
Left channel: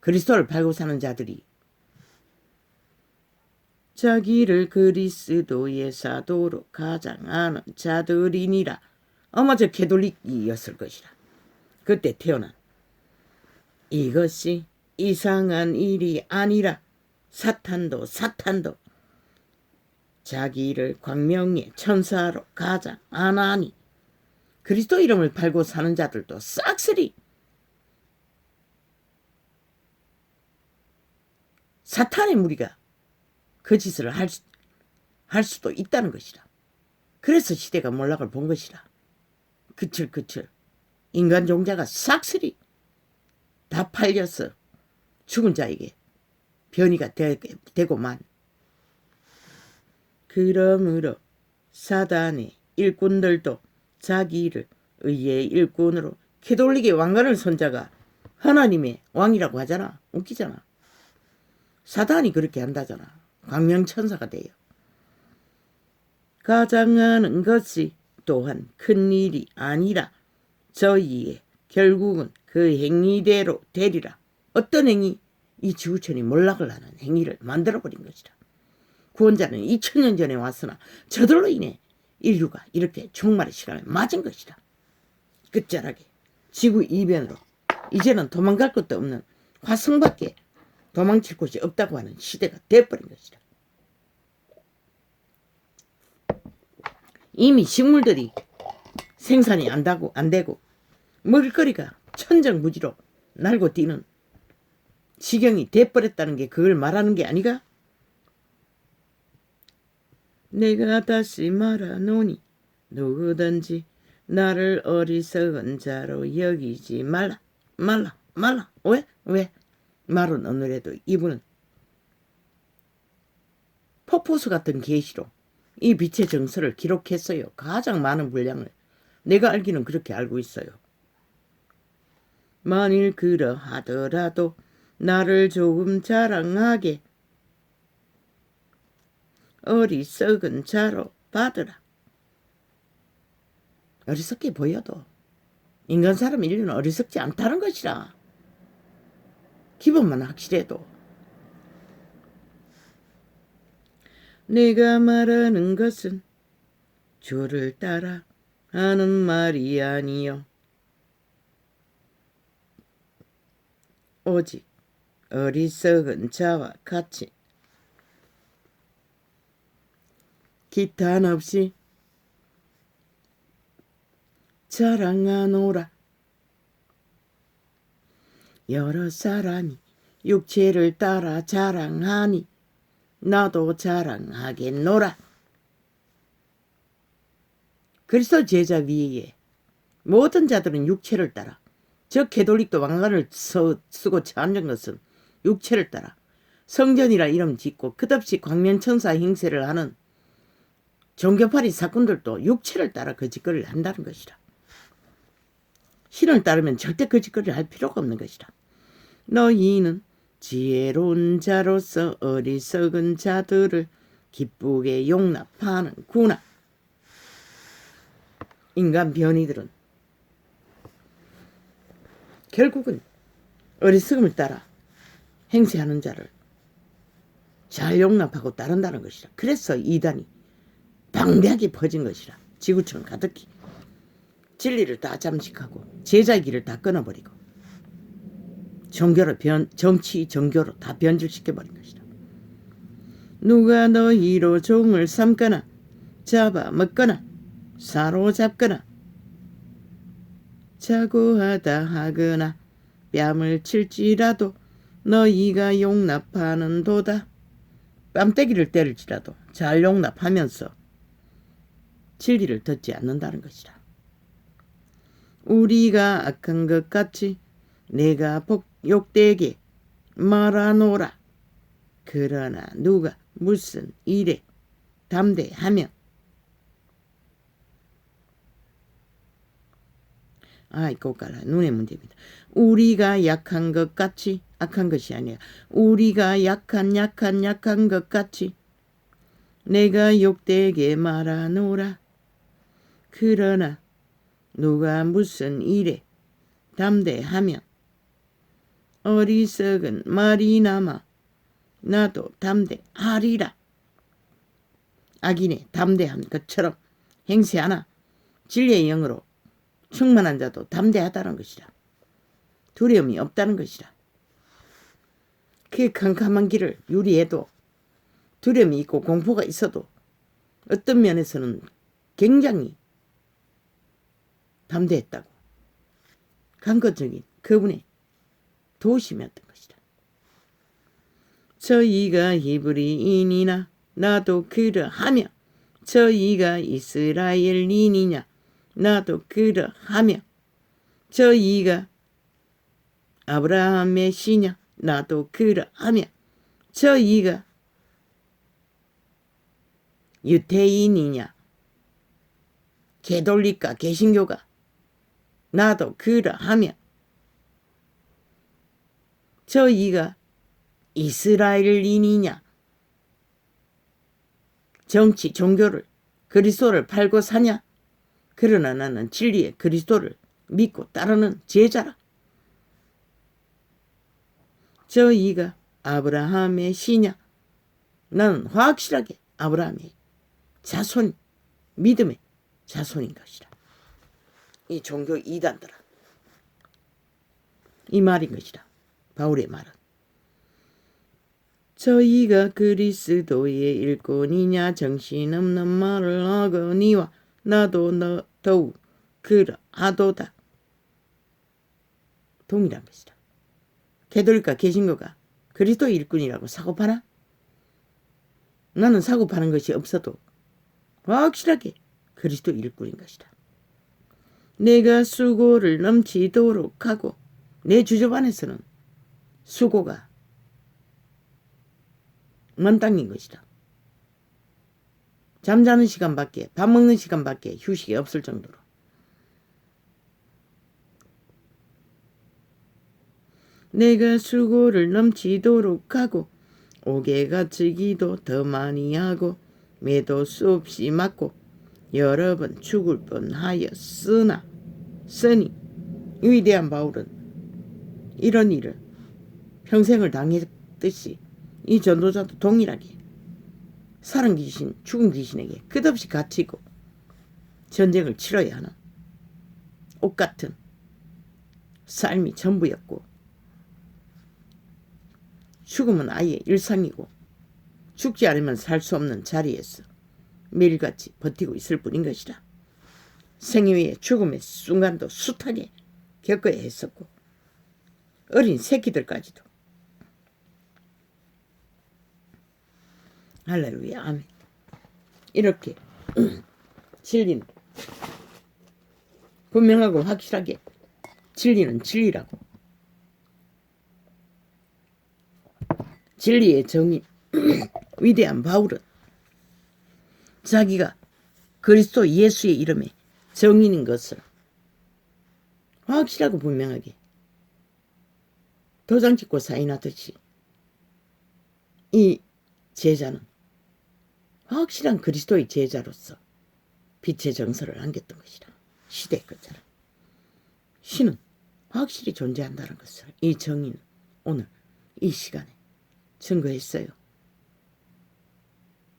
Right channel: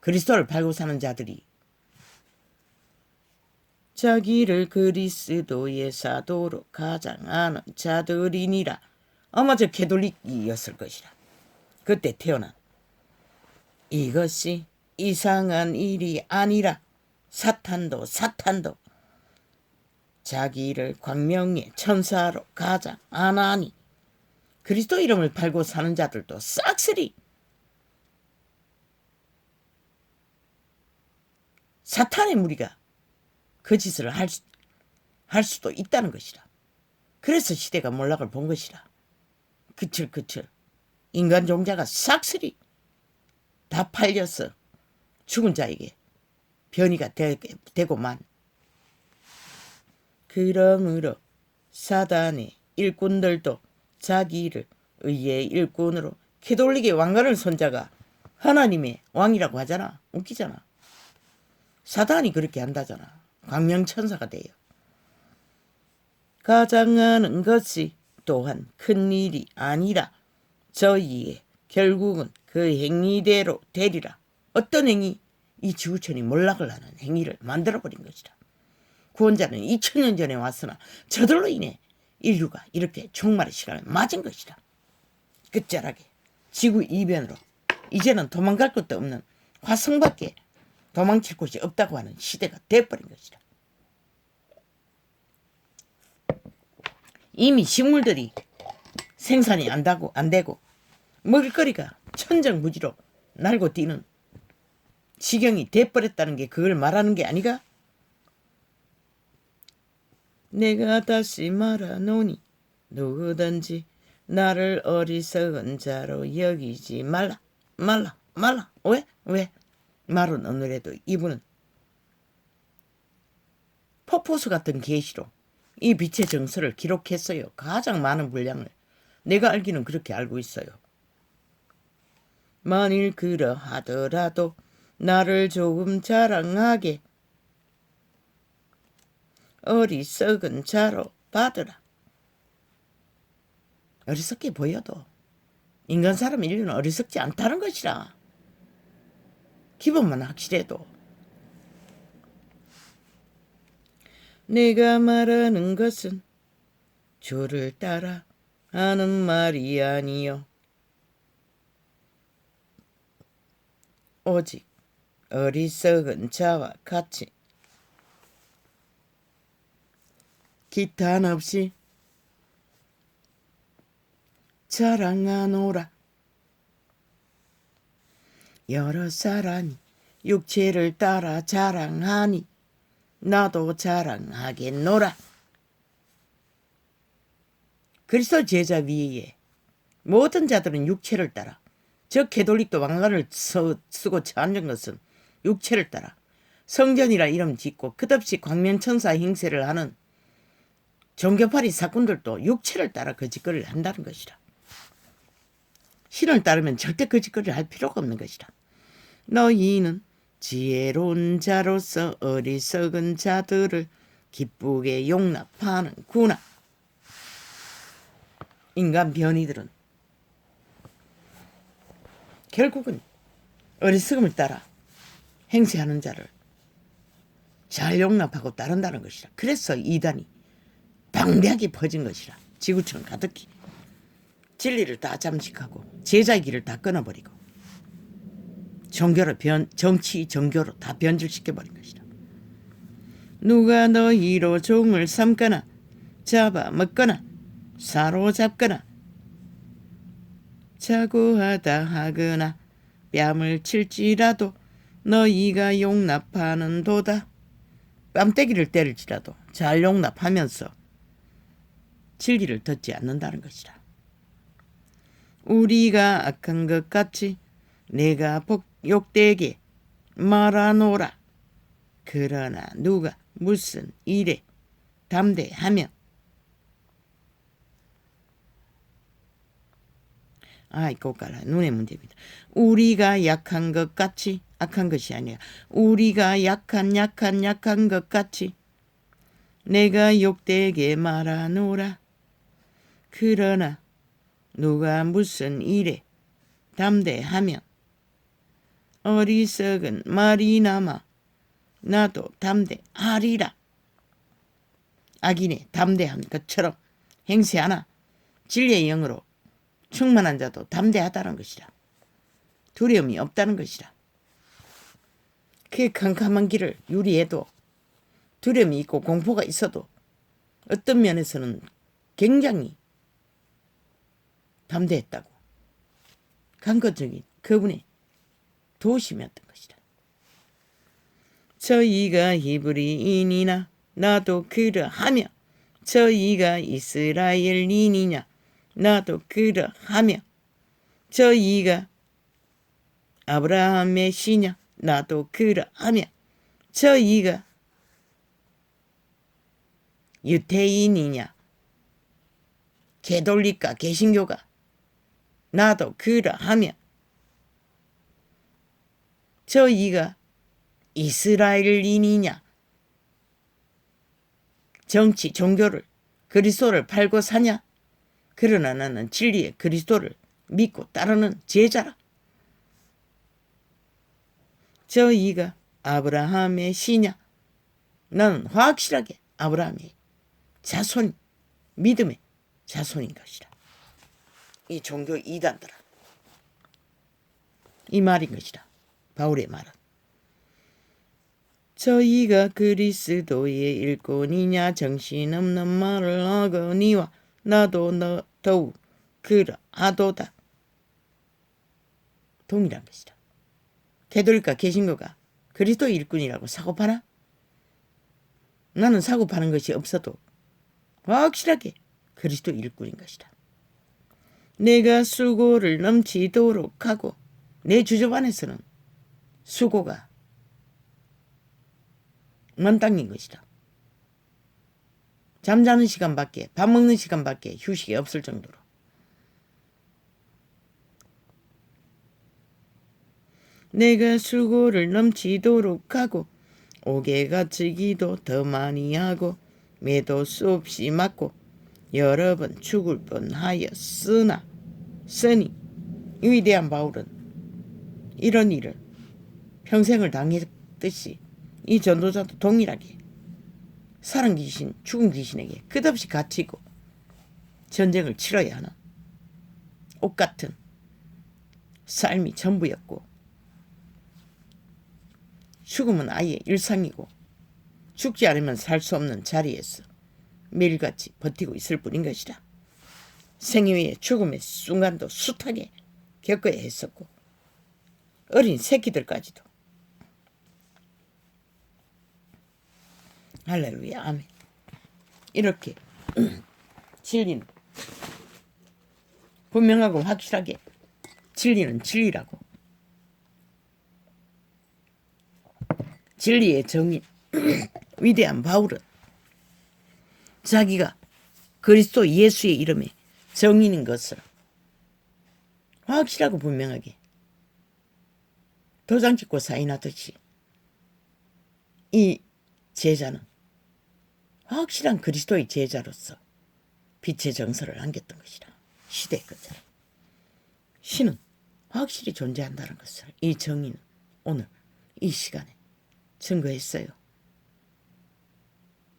그리스도를 팔고 사는 자들이 자기를 그리스도의 사도로 가장하는 자들이니라. 아마 저 캐톨릭이었을 것이라. 그때 태어난. 이것이 이상한 일이 아니라 사탄도 자기를 광명의 천사로 가장 안 하니 그리스도 이름을 팔고 사는 자들도 싹쓸이 사탄의 무리가 그 짓을 할 수도 있다는 것이라. 그래서 시대가 몰락을 본 것이라. 그칠 인간 종자가 싹쓸이 다 팔려서 죽은 자에게 변이가 되고만. 그러므로 사단의 일꾼들도 자기 일을 의의 일꾼으로 캐톨릭의 왕관을 손 자가 하나님의 왕이라고 하잖아. 웃기잖아. 사단이 그렇게 한다잖아. 광명천사가 돼요. 가장하는 것이 또한 큰일이 아니라 저희의 결국은 그 행위대로 되리라. 어떤 행위? 이 지구촌이 몰락을 하는 행위를 만들어버린 것이라. 구원자는 2000년 전에 왔으나 저들로 인해 인류가 이렇게 종말의 시간을 맞은 것이라. 끝자락에 지구 이변으로 이제는 도망갈 것도 없는 화성밖에 도망칠 곳이 없다고 하는 시대가 돼버린 것이라. 이미 식물들이 생산이 안 되고 먹을거리가 천정부지로 날고 뛰는 지경이 돼버렸다는 게 그걸 말하는 게 아니가? 내가 다시 말하노니 누구든지 나를 어리석은 자로 여기지 말라. 왜? 말은 오늘에도 이분은 폭포수 같은 계시로 이 빛의 정서를 기록했어요. 가장 많은 분량을. 내가 알기는 그렇게 알고 있어요. 만일 그러하더라도 나를 조금 자랑하게 어리석은 자로 받으라. 어리석게 보여도 인간 사람 인류는 어리석지 않다는 것이라. 기본만 확실해도. 내가 말하는 것은 주를 따라 하는 말이 아니요 오직 어리석은 자와 같이 기탄 없이 자랑하노라. 여러 사람이 육체를 따라 자랑하니 나도 자랑하겠노라. 그리스도 제자 위에 모든 자들은 육체를 따라, 저 캐톨릭도 왕관을 쓰고 앉은 것은 육체를 따라 성전이라 이름 짓고 끝없이 광면천사 행세를 하는 종교파리 사꾼들도 육체를 따라 그 짓거리를 한다는 것이라. 신을 따르면 절대 그 짓거리를 할 필요가 없는 것이라. 너희는 지혜로운 자로서 어리석은 자들을 기쁘게 용납하는구나. 인간 변이들은 결국은 어리석음을 따라 행세하는 자를 잘 용납하고 따른다는 것이라. 그래서 이단이 방대하게 퍼진 것이라. 지구촌 가득히 진리를 다 잠식하고 제자의 길을 다 끊어버리고 정치 종교로 다 변질시켜버린 것이라. 누가 너희로 종을 삼거나 잡아먹거나 사로잡거나 자고하다 하거나 뺨을 칠지라도 너희가 용납하는 도다. 뺨때기를 때릴지라도 잘 용납하면서 진리를 듣지 않는다는 것이라. 우리가 악한 것 같이 내가 욕되게 말하노라. 그러나 누가 무슨 일에 담대하면 이거 깔아. 눈의 문제입니다. 우리가 약한 것 같이 악한 것이 아니야. 우리가 약한 것 같이 내가 욕되게 말하노라. 그러나 누가 무슨 일에 담대하면 어리석은 말이나마 나도 담대하리라. 악인의 담대한 것처럼 행세하나 진리의 영으로 충만한 자도 담대하다는 것이라. 두려움이 없다는 것이라. 그 캄캄한 길을 유리해도 두려움이 있고 공포가 있어도 어떤 면에서는 굉장히 담대했다고. 강건적인 그분의 도심이었던 것이다. 저희가 히브리인이나 나도 그러하며 저희가 이스라엘인이냐 나도 그러하며 저희가 아브라함의 씨냐 나도 그러하며 저희가 유태인이냐 개돌리까 개신교가 나도 그러하며 저희가 이스라엘인이냐 정치 종교를 그리스도를 팔고 사냐 그러나 나는 진리의 그리스도를 믿고 따르는 제자라. 저희가 아브라함의 씨냐 나는 확실하게 아브라함의 자손 믿음의 자손인 것이라. 이 종교 이단들아 이 말인 것이라. 바울의 말은 저희가 그리스도의 일꾼이냐 정신없는 말을 하거니와 나도 너 더욱 그러하도다. 동일한 것이다. 개돌이과 개신교가 그리스도의 일꾼이라고 사고파나? 나는 사고파는 것이 없어도 확실하게 그리스도 일꾼인 것이다. 내가 수고를 넘치도록 하고 내 주접 안에서는 수고가 만땅인 것이다. 잠자는 시간밖에 밥 먹는 시간밖에 휴식이 없을 정도로 내가 수고를 넘치도록 하고 옥에 갇히기도 더 많이 하고 매도 수없이 맞고 여러 번 죽을 뻔하였으니 위대한 바울은 이런 일을 평생을 당했듯이 이 전도자도 동일하게 살은 귀신 죽은 귀신에게 끝없이 갇히고 전쟁을 치러야 하는 옥 같은 삶이 전부였고 죽음은 아예 일상이고 죽지 않으면 살 수 없는 자리에서 매일같이 버티고 있을 뿐인 것이라. 생애 위에 죽음의 순간도 숱하게 겪어야 했었고 어린 새끼들까지도. 할렐루야 아멘. 이렇게 진리는 분명하고 확실하게 진리는 진리라고 진리의 정인 위대한 바울은 자기가 그리스도 예수의 이름에 정인인 것을 확실하고 분명하게 도장 찍고 사인하듯이 이 제자는 확실한 그리스도의 제자로서 빛의 정서를 안겼던 것이라. 시대의 끝자락 신은 확실히 존재한다는 것을 이 정의는 오늘 이 시간에 증거했어요.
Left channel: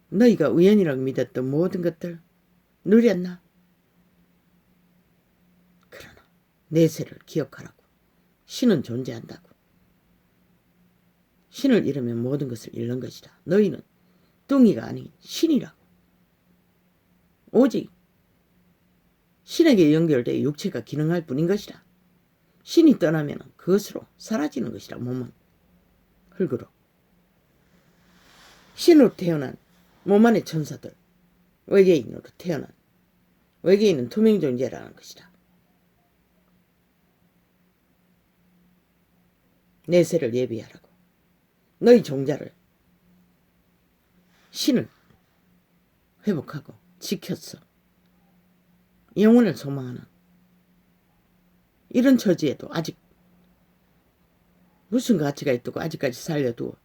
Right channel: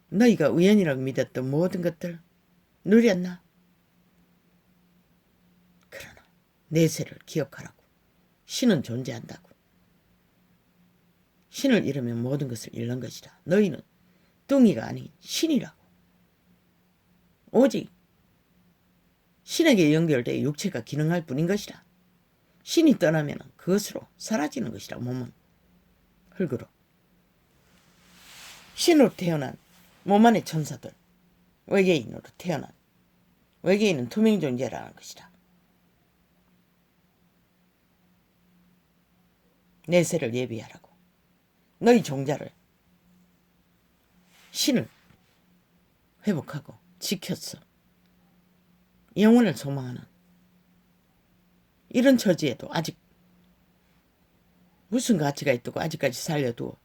너희가 우연이라고 믿었던 모든 것들 누렸나? 그러나 내세를 기억하라고. 신은 존재한다고. 신을 잃으면 모든 것을 잃는 것이다. 너희는 뚱이가 아닌 신이라고. 오직 신에게 연결되어 육체가 기능할 뿐인 것이다. 신이 떠나면 그것으로 사라지는 것이다. 몸은 흙으로. 신으로 태어난 몸 안의 천사들, 외계인으로 태어난 외계인은 투명 존재라는 것이다. 내세를 예비하라고. 너희 종자를 신을 회복하고 지켰어. 영혼을 소망하는 이런 처지에도 아직 무슨 가치가 있다고 아직까지 살려두어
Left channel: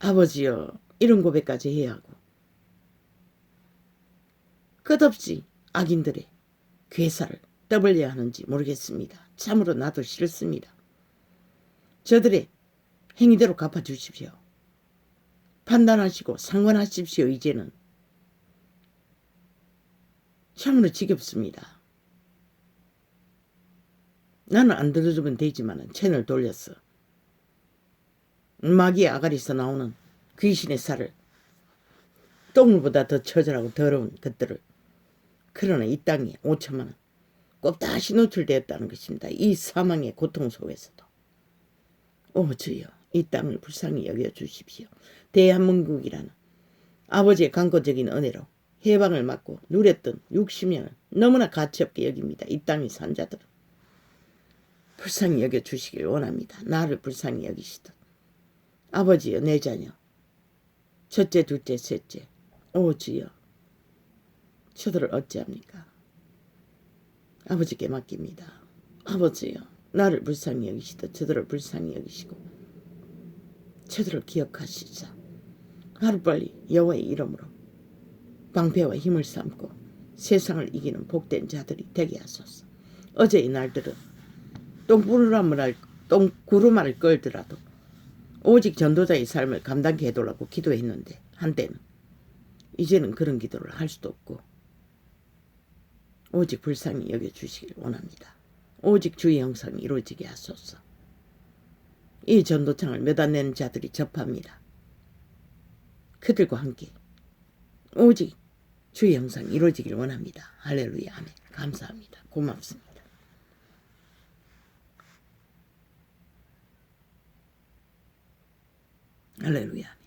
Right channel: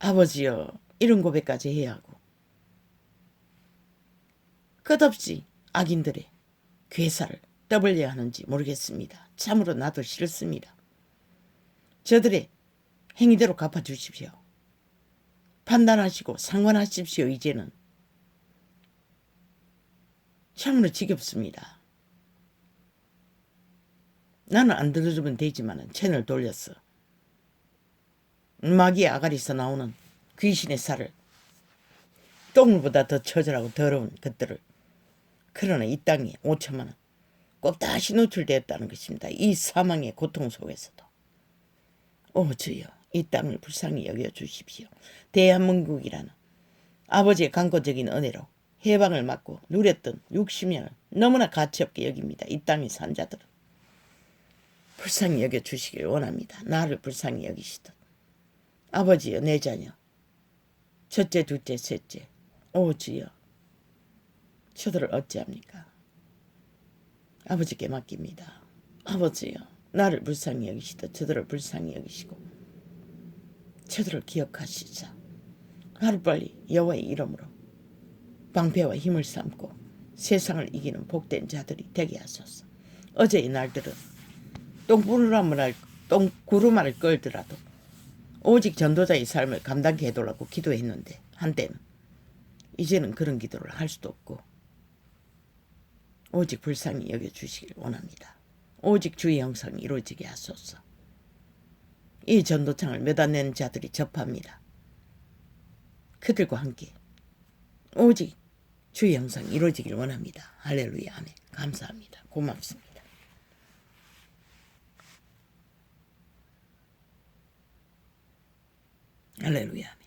아버지여 이런 고백까지 해야 하고 끝없이 악인들의 괴사를 떠벌려야 하는지 모르겠습니다. 참으로 나도 싫습니다. 저들의 행위대로 갚아주십시오. 판단하시고 상관하십시오. 이제는 참으로 지겹습니다. 나는 안 들어주면 되지만 채널 돌렸어. 마귀의 아가리에서 나오는 귀신의 살을 똥물보다 더 처절하고 더러운 것들을. 그러나 이 땅에 5천만 원 꼭 다시 노출되었다는 것입니다. 이 사망의 고통 속에서도. 오 주여, 이 땅을 불쌍히 여겨주십시오. 대한민국이라는 아버지의 강고적인 은혜로 해방을 맞고 누렸던 60년을 너무나 가치없게 여깁니다. 이 땅의 산자들은. 불쌍히 여겨주시길 원합니다. 나를 불쌍히 여기시듯. 아버지여, 내 자녀 첫째, 둘째, 셋째, 오 주여, 저들을 어찌합니까? 아버지께 맡깁니다. 아버지여, 나를 불쌍히 여기시듯 저들을 불쌍히 여기시고 저들을 기억하시자 하루빨리 여호와의 이름으로 방패와 힘을 삼고 세상을 이기는 복된 자들이 되게 하소서. 어제의 날들은 똥구루마를 끌더라도 오직 전도자의 삶을 감당케 해달라고 기도했는데 한때는 이제는 그런 기도를 할 수도 없고 오직 불쌍히 여겨주시길 원합니다. 오직 주의 형상이 이루어지게 하소서. 이 전도창을 매다낸 자들이 접합니다. 그들과 함께 오직 주의 형상이 이루어지길 원합니다. 할렐루야, 아멘. 감사합니다. 고맙습니다. 할렐루야.